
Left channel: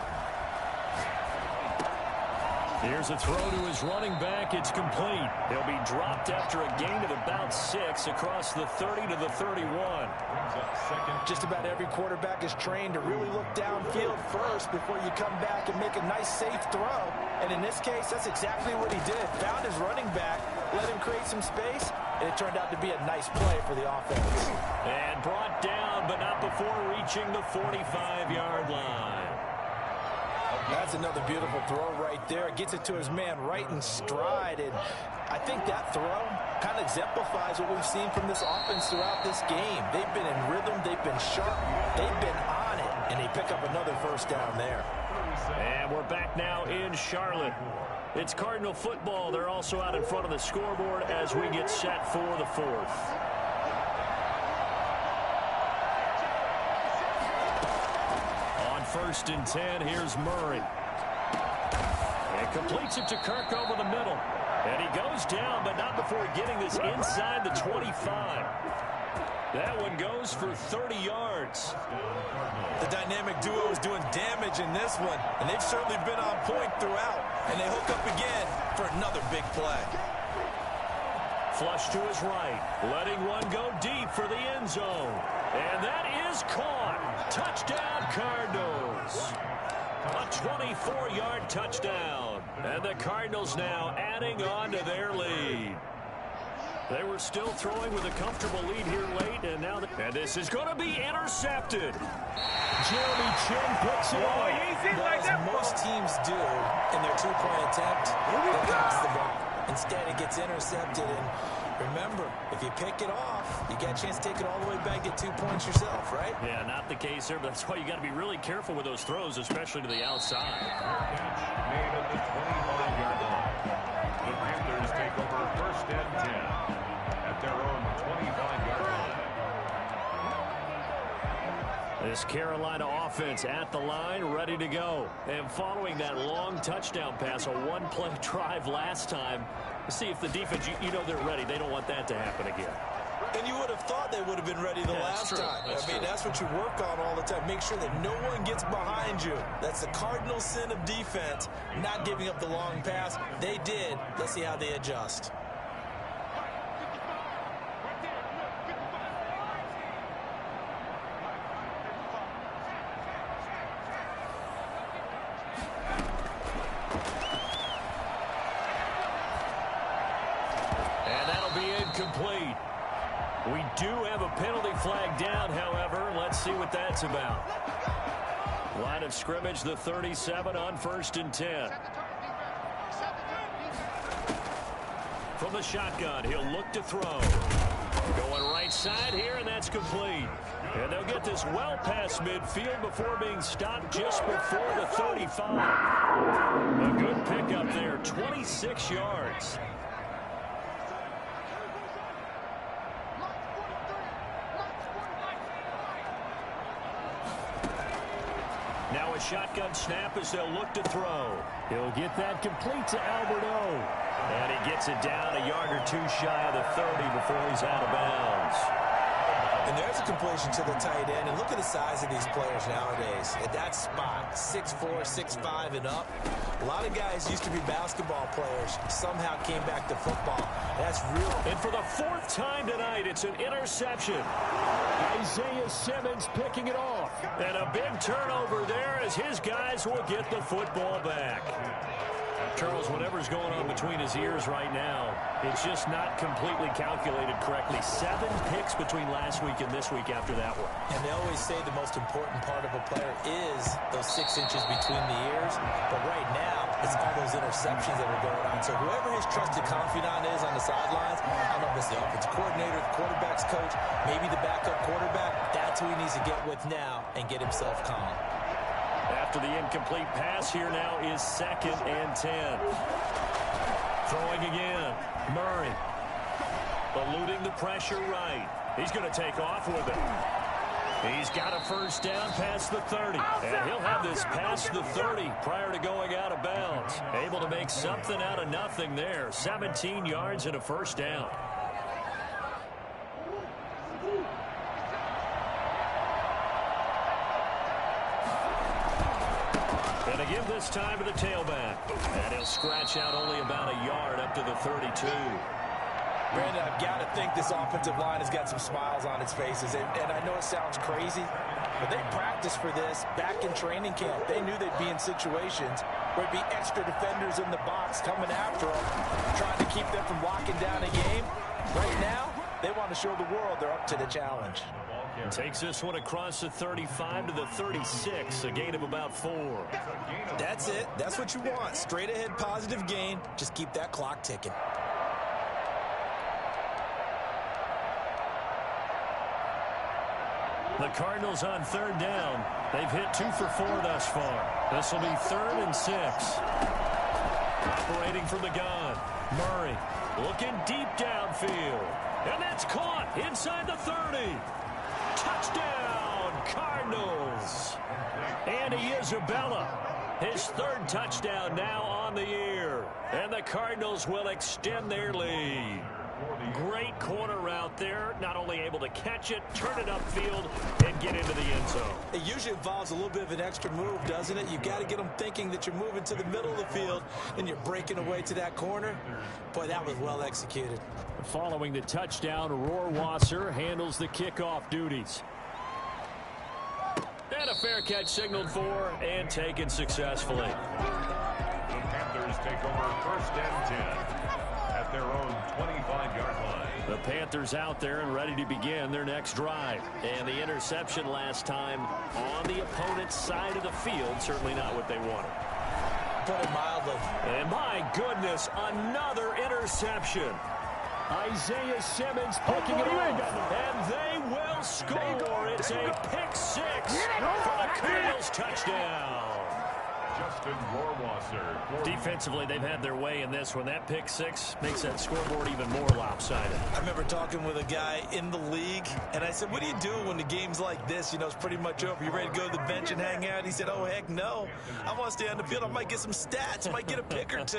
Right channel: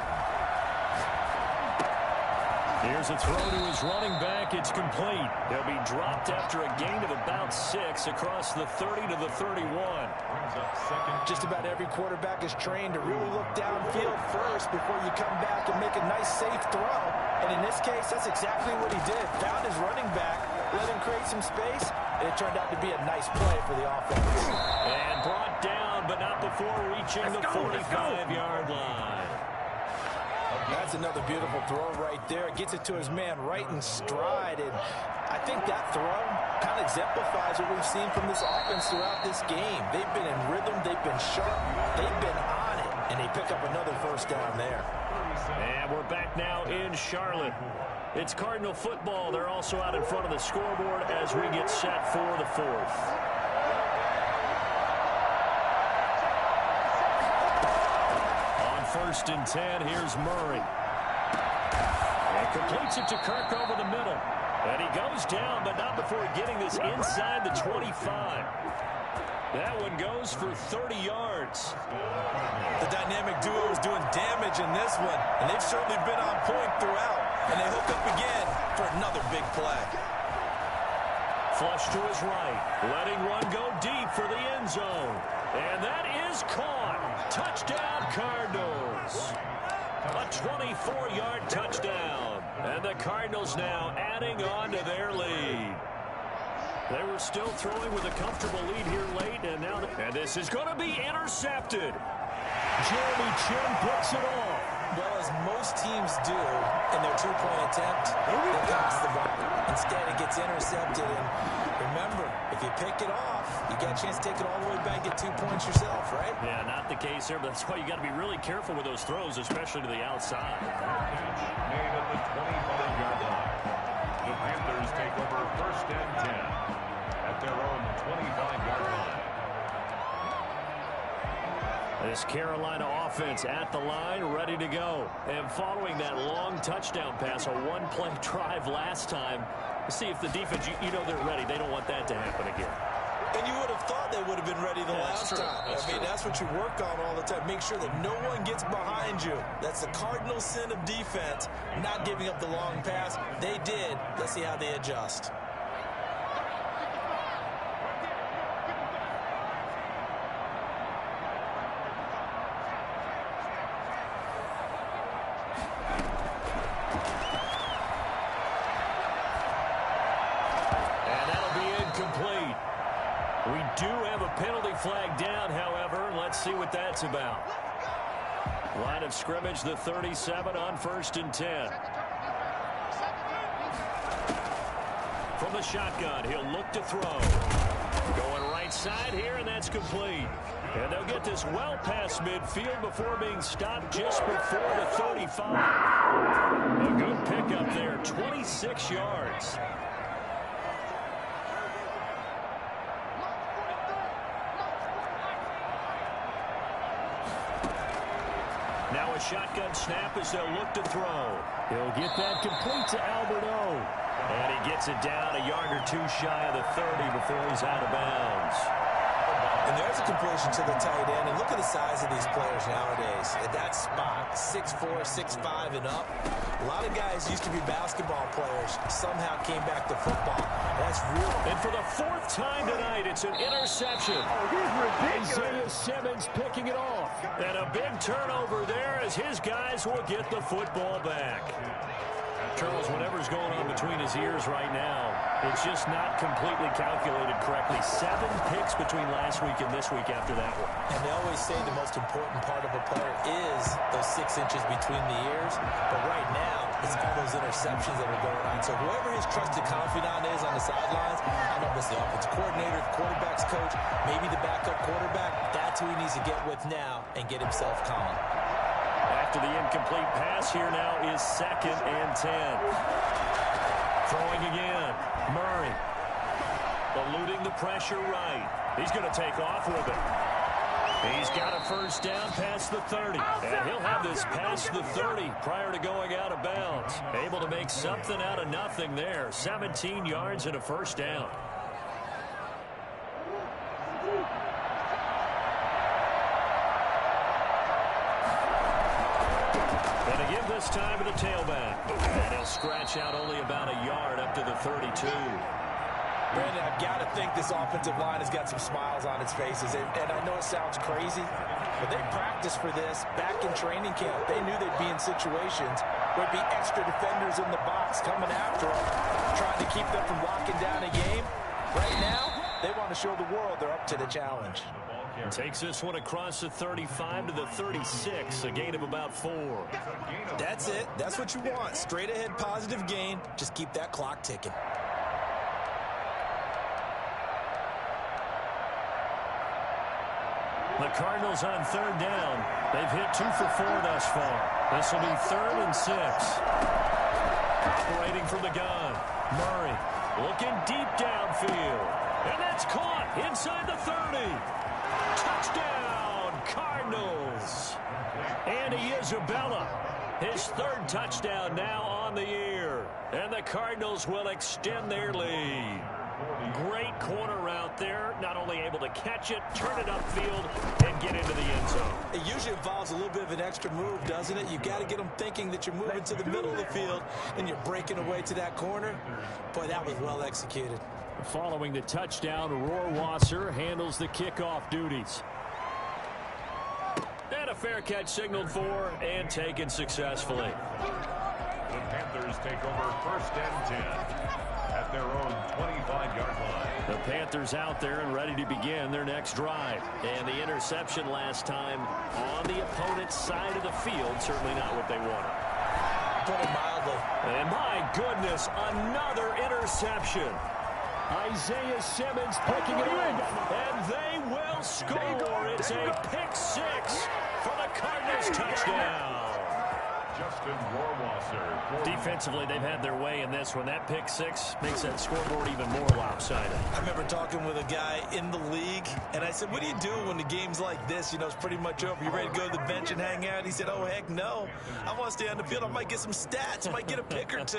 Here's a throw to his running back. It's complete. He'll be dropped after a gain of about 6 across the 30 to the 31. Brings up second. Just about every quarterback is trained to really look downfield first before you come back and make a nice, safe throw. And in this case, that's exactly what he did. Found his running back, let him create some space, and it turned out to be a nice play for the offense. And brought down, but not before reaching the 45-yard line. That's another beautiful throw right there. Gets it to his man right in stride. And I think that throw kind of exemplifies what we've seen from this offense throughout this game. They've been in rhythm. They've been sharp. They've been on it. And they pick up another first down there. And we're back now in Charlotte. It's Cardinal football. They're also out in front of the scoreboard as we get set for the 4th. First and 10, here's Murray. And completes it to Kirk over the middle. And he goes down, but not before getting this inside the 25. That one goes for 30 yards. The dynamic duo is doing damage in this one, and they've certainly been on point throughout. And they hook up again for another big play. Flush to his right, letting one go deep for the end zone. And that is caught. Touchdown, Cardinals. A 24-yard touchdown. And the Cardinals now adding on to their lead. They were still throwing with a comfortable lead here late, and now and this is going to be intercepted. Jeremy Chin picks it off. Well, as most teams do in their two-point attempt, they pass the ball. Instead, it gets intercepted. And remember, if you pick it off, you get a chance to take it all the way back, get 2 points yourself, right? Yeah, not the case there, but that's why you got to be really careful with those throws, especially to the outside. Catch made at the 25-yard line. The Panthers take over first and 10 at their own 25-yard line. This Carolina offense at the line, ready to go. And following that long touchdown pass, a one-play drive last time, see if the defense, you know they're ready. They don't want that to happen again. And you would have thought they would have been ready the last time. I mean, that's what you work on all the time. Make sure that no one gets behind you. That's the cardinal sin of defense, not giving up the long pass. They did. Let's see how they adjust. Complete. We do have a penalty flag down, however. Let's see what that's about. Line of scrimmage, the 37 on first and 10. From the shotgun, he'll look to throw. Going right side here, and that's complete. And they'll get this well past midfield before being stopped just before the 35. A good pickup there, 26 yards. Now a shotgun snap as they'll look to throw. He'll get that complete to Alberto. And he gets it down a yard or two shy of the 30 before he's out of bounds. And there's a completion to the tight end. And look at the size of these players nowadays. At that spot, 6'4", 6'5", and up. A lot of guys used to be basketball players. Somehow came back to football. That's real. And for the 4th time tonight, it's an interception. Isaiah Simmons picking it off. And a big turnover there as his guys will get the football back. Charles, whatever's going on between his ears right now, it's just not completely calculated correctly. 7 picks between last week and this week after that one. And they always say the most important part of a player is those 6 inches between the ears. But right now, it's all those interceptions that are going on. So whoever his trusted confidant is on the sidelines, I don't know if it's the offensive coordinator, the quarterback's coach, maybe the backup quarterback, that's who he needs to get with now and get himself calm. After the incomplete pass, here now is 2nd and 10. Throwing again. Murray. Eluding the pressure right. He's going to take off with it. He's got a first down past the 30. And he'll have this past the 30 prior to going out of bounds. Able to make something out of nothing there. 17 yards and a first down. And to give this time to the tailback. And They'll scratch out only about a yard up to the 32. Brandon, I've got to think this offensive line has got some smiles on its faces. And I know it sounds crazy, but they practiced for this back in training camp. They knew they'd be in situations where there'd be extra defenders in the box coming after them, trying to keep them from locking down a game. Right now, they want to show the world they're up to the challenge. Takes this one across the 35 to the 36, a gain of about 4. That's it. That's what you want. Straight ahead positive gain. Just keep that clock ticking. The Cardinals on third down. They've hit 2 for 4 thus far. This will be 3rd and 6. Operating from the gun. Murray looking deep downfield. And that's caught inside the 30. Touchdown, Cardinals. Andy Isabella, his 3rd touchdown now on the year. And the Cardinals will extend their lead. Great corner route there. Not only able to catch it, turn it upfield, and get into the end zone. It usually involves a little bit of an extra move, doesn't it? You've got to get them thinking that you're moving to the middle of the field and you're breaking away to that corner. Boy, that was well executed. Following the touchdown, Rohrwasser handles the kickoff duties. And a fair catch signaled for and taken successfully. The Panthers take over 1st and 10 at their own 25-yard line. The Panthers out there and ready to begin their next drive. And the interception last time on the opponent's side of the field, certainly not what they wanted. Put it mildly. And my goodness, another interception. Isaiah Simmons picking it off, and they will score. It's a pick-6 for the Cardinals touchdown. Justin Rohrwasser. Defensively, they've had their way in this one. That pick-6 makes that scoreboard even more lopsided. I remember talking with a guy in the league, and I said, what do you do when the game's like this? You know, it's pretty much over. You ready to go to the bench and hang out? He said, oh, heck no. I want to stay on the field. I might get some stats. I might get a pick or 2.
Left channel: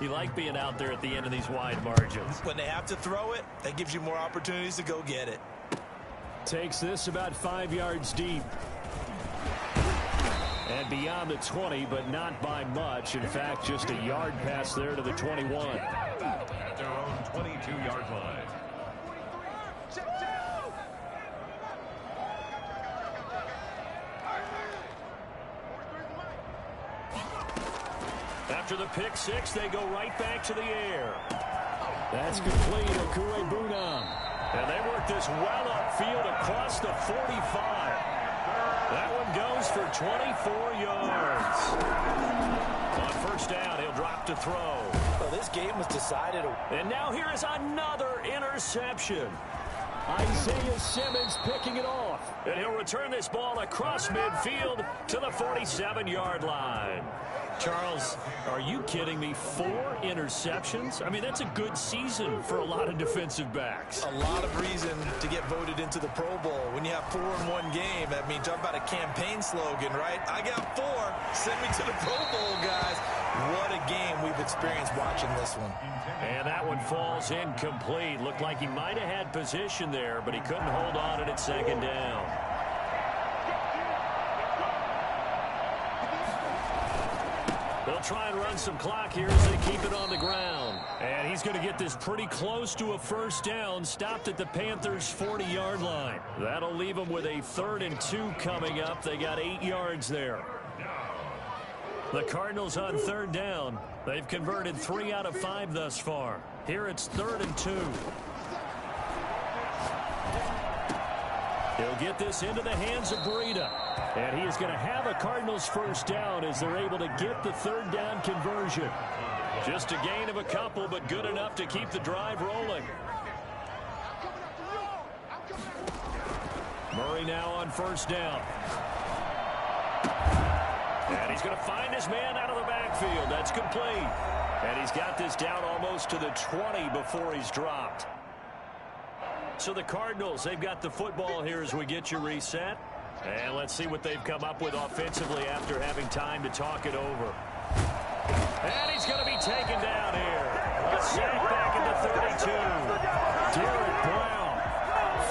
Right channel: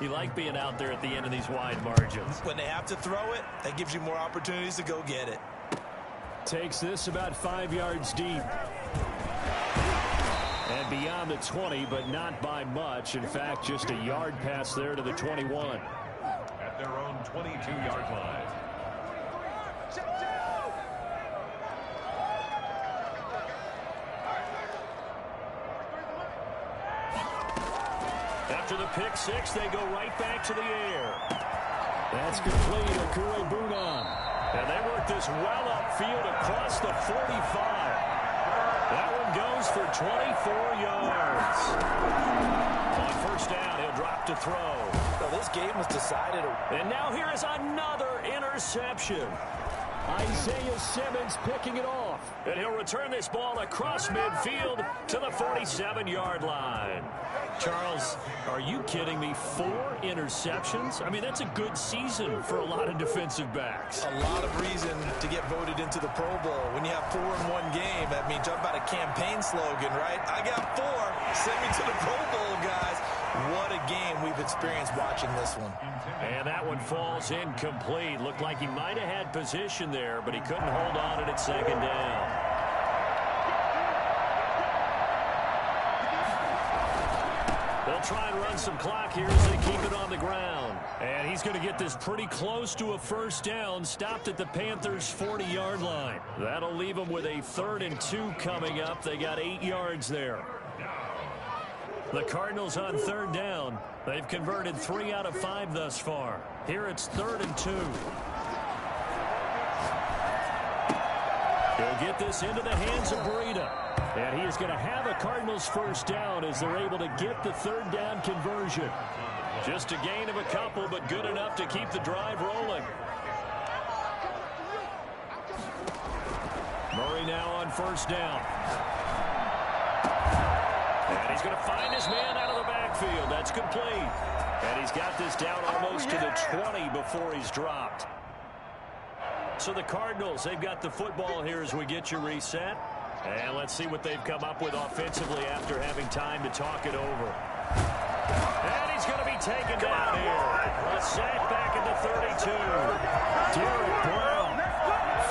You like being out there at the end of these wide margins. When they have to throw it, that gives you more opportunities to go get it. Takes this about 5 yards deep. And beyond the 20, but not by much. In fact, just a yard pass there to the 21. At their own 22-yard line. After the pick-6, they go right back to the air. That's complete. Okuegbunam. And they work this well upfield across the 45. That one goes for 24 yards. On 1st down, he'll drop to throw. Well, this game was decided. And now here is another interception. Isaiah Simmons picking it off. And he'll return this ball across midfield to the 47-yard line. Charles, are you kidding me? 4 interceptions? I mean, that's a good season for a lot of defensive backs. A lot of reason to get voted into the Pro Bowl. When you have 4 in one game, I mean, talk about a campaign slogan, right? I got 4. Send me to the Pro Bowl, guys. What a game we've experienced watching this one. And that one falls incomplete. Looked like he might have had position there, but he couldn't hold on at 2nd down. They'll try and run some clock here as they keep it on the ground. And he's going to get this pretty close to a 1st down, stopped at the Panthers' 40-yard line. That'll leave them with a 3rd and 2 coming up. They got 8 yards there. The Cardinals on 3rd down. They've converted 3 out of 5 thus far. Here it's 3rd and 2. He'll get this into the hands of Breida. And he is going to have a Cardinals 1st down as they're able to get the 3rd down conversion. Just a gain of a couple, but good enough to keep the drive rolling. Murray now on 1st down. And he's going to find his man out of the backfield. That's complete. And he's got this down almost to the 20 before he's dropped. So the Cardinals, they've got the football here as we get you reset. And let's see what they've come up with offensively after having time to talk it over. And he's going to be taken down here. A sack back at the 32. Derek Brown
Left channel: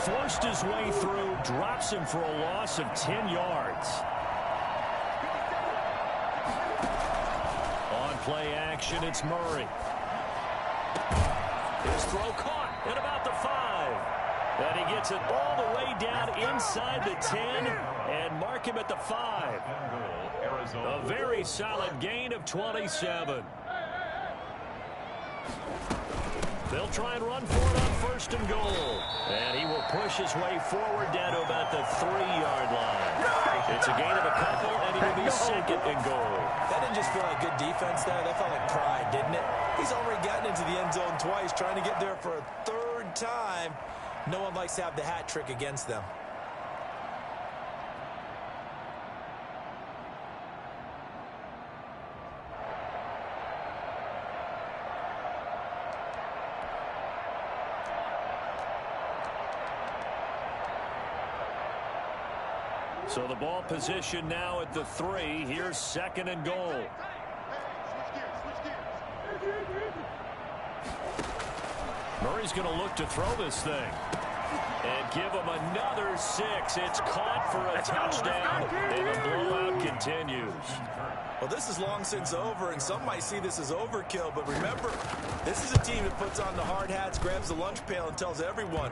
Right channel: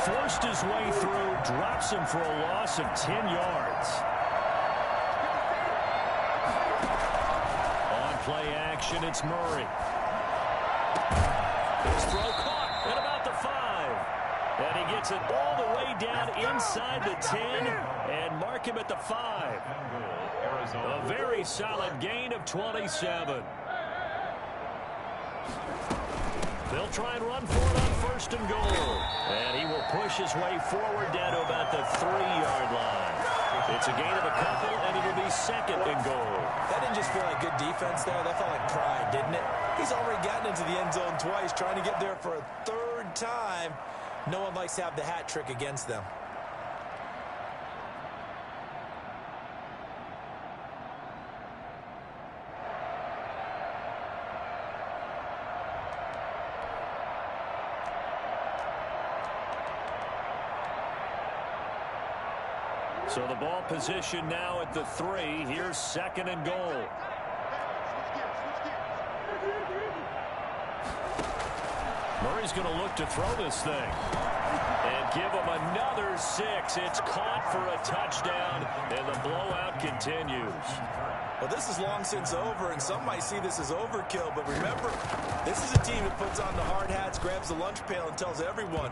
forced his way through, drops him for a loss of 10 yards. On play action. It's Murray. His throw caught at about the 5. And he gets it all the way down inside the 10 and mark him at the 5. A very solid gain of 27. They'll try and run for it on 1st and goal. And he will push his way forward down to about the 3-yard line. It's a gain of a couple, and it will be 2nd and goal. That didn't just feel like good defense there. That felt like pride, didn't it? He's already gotten into the end zone twice, trying to get there for a 3rd time. No one likes to have the hat trick against them. So the ball position now at the 3. Here's 2nd and goal. Murray's going to look to throw this thing. And give him another 6. It's caught for a touchdown, and the blowout continues. Well, this is long since over, and some might see this as overkill. But remember, this is a team that puts on the hard hats, grabs the lunch pail, and tells everyone,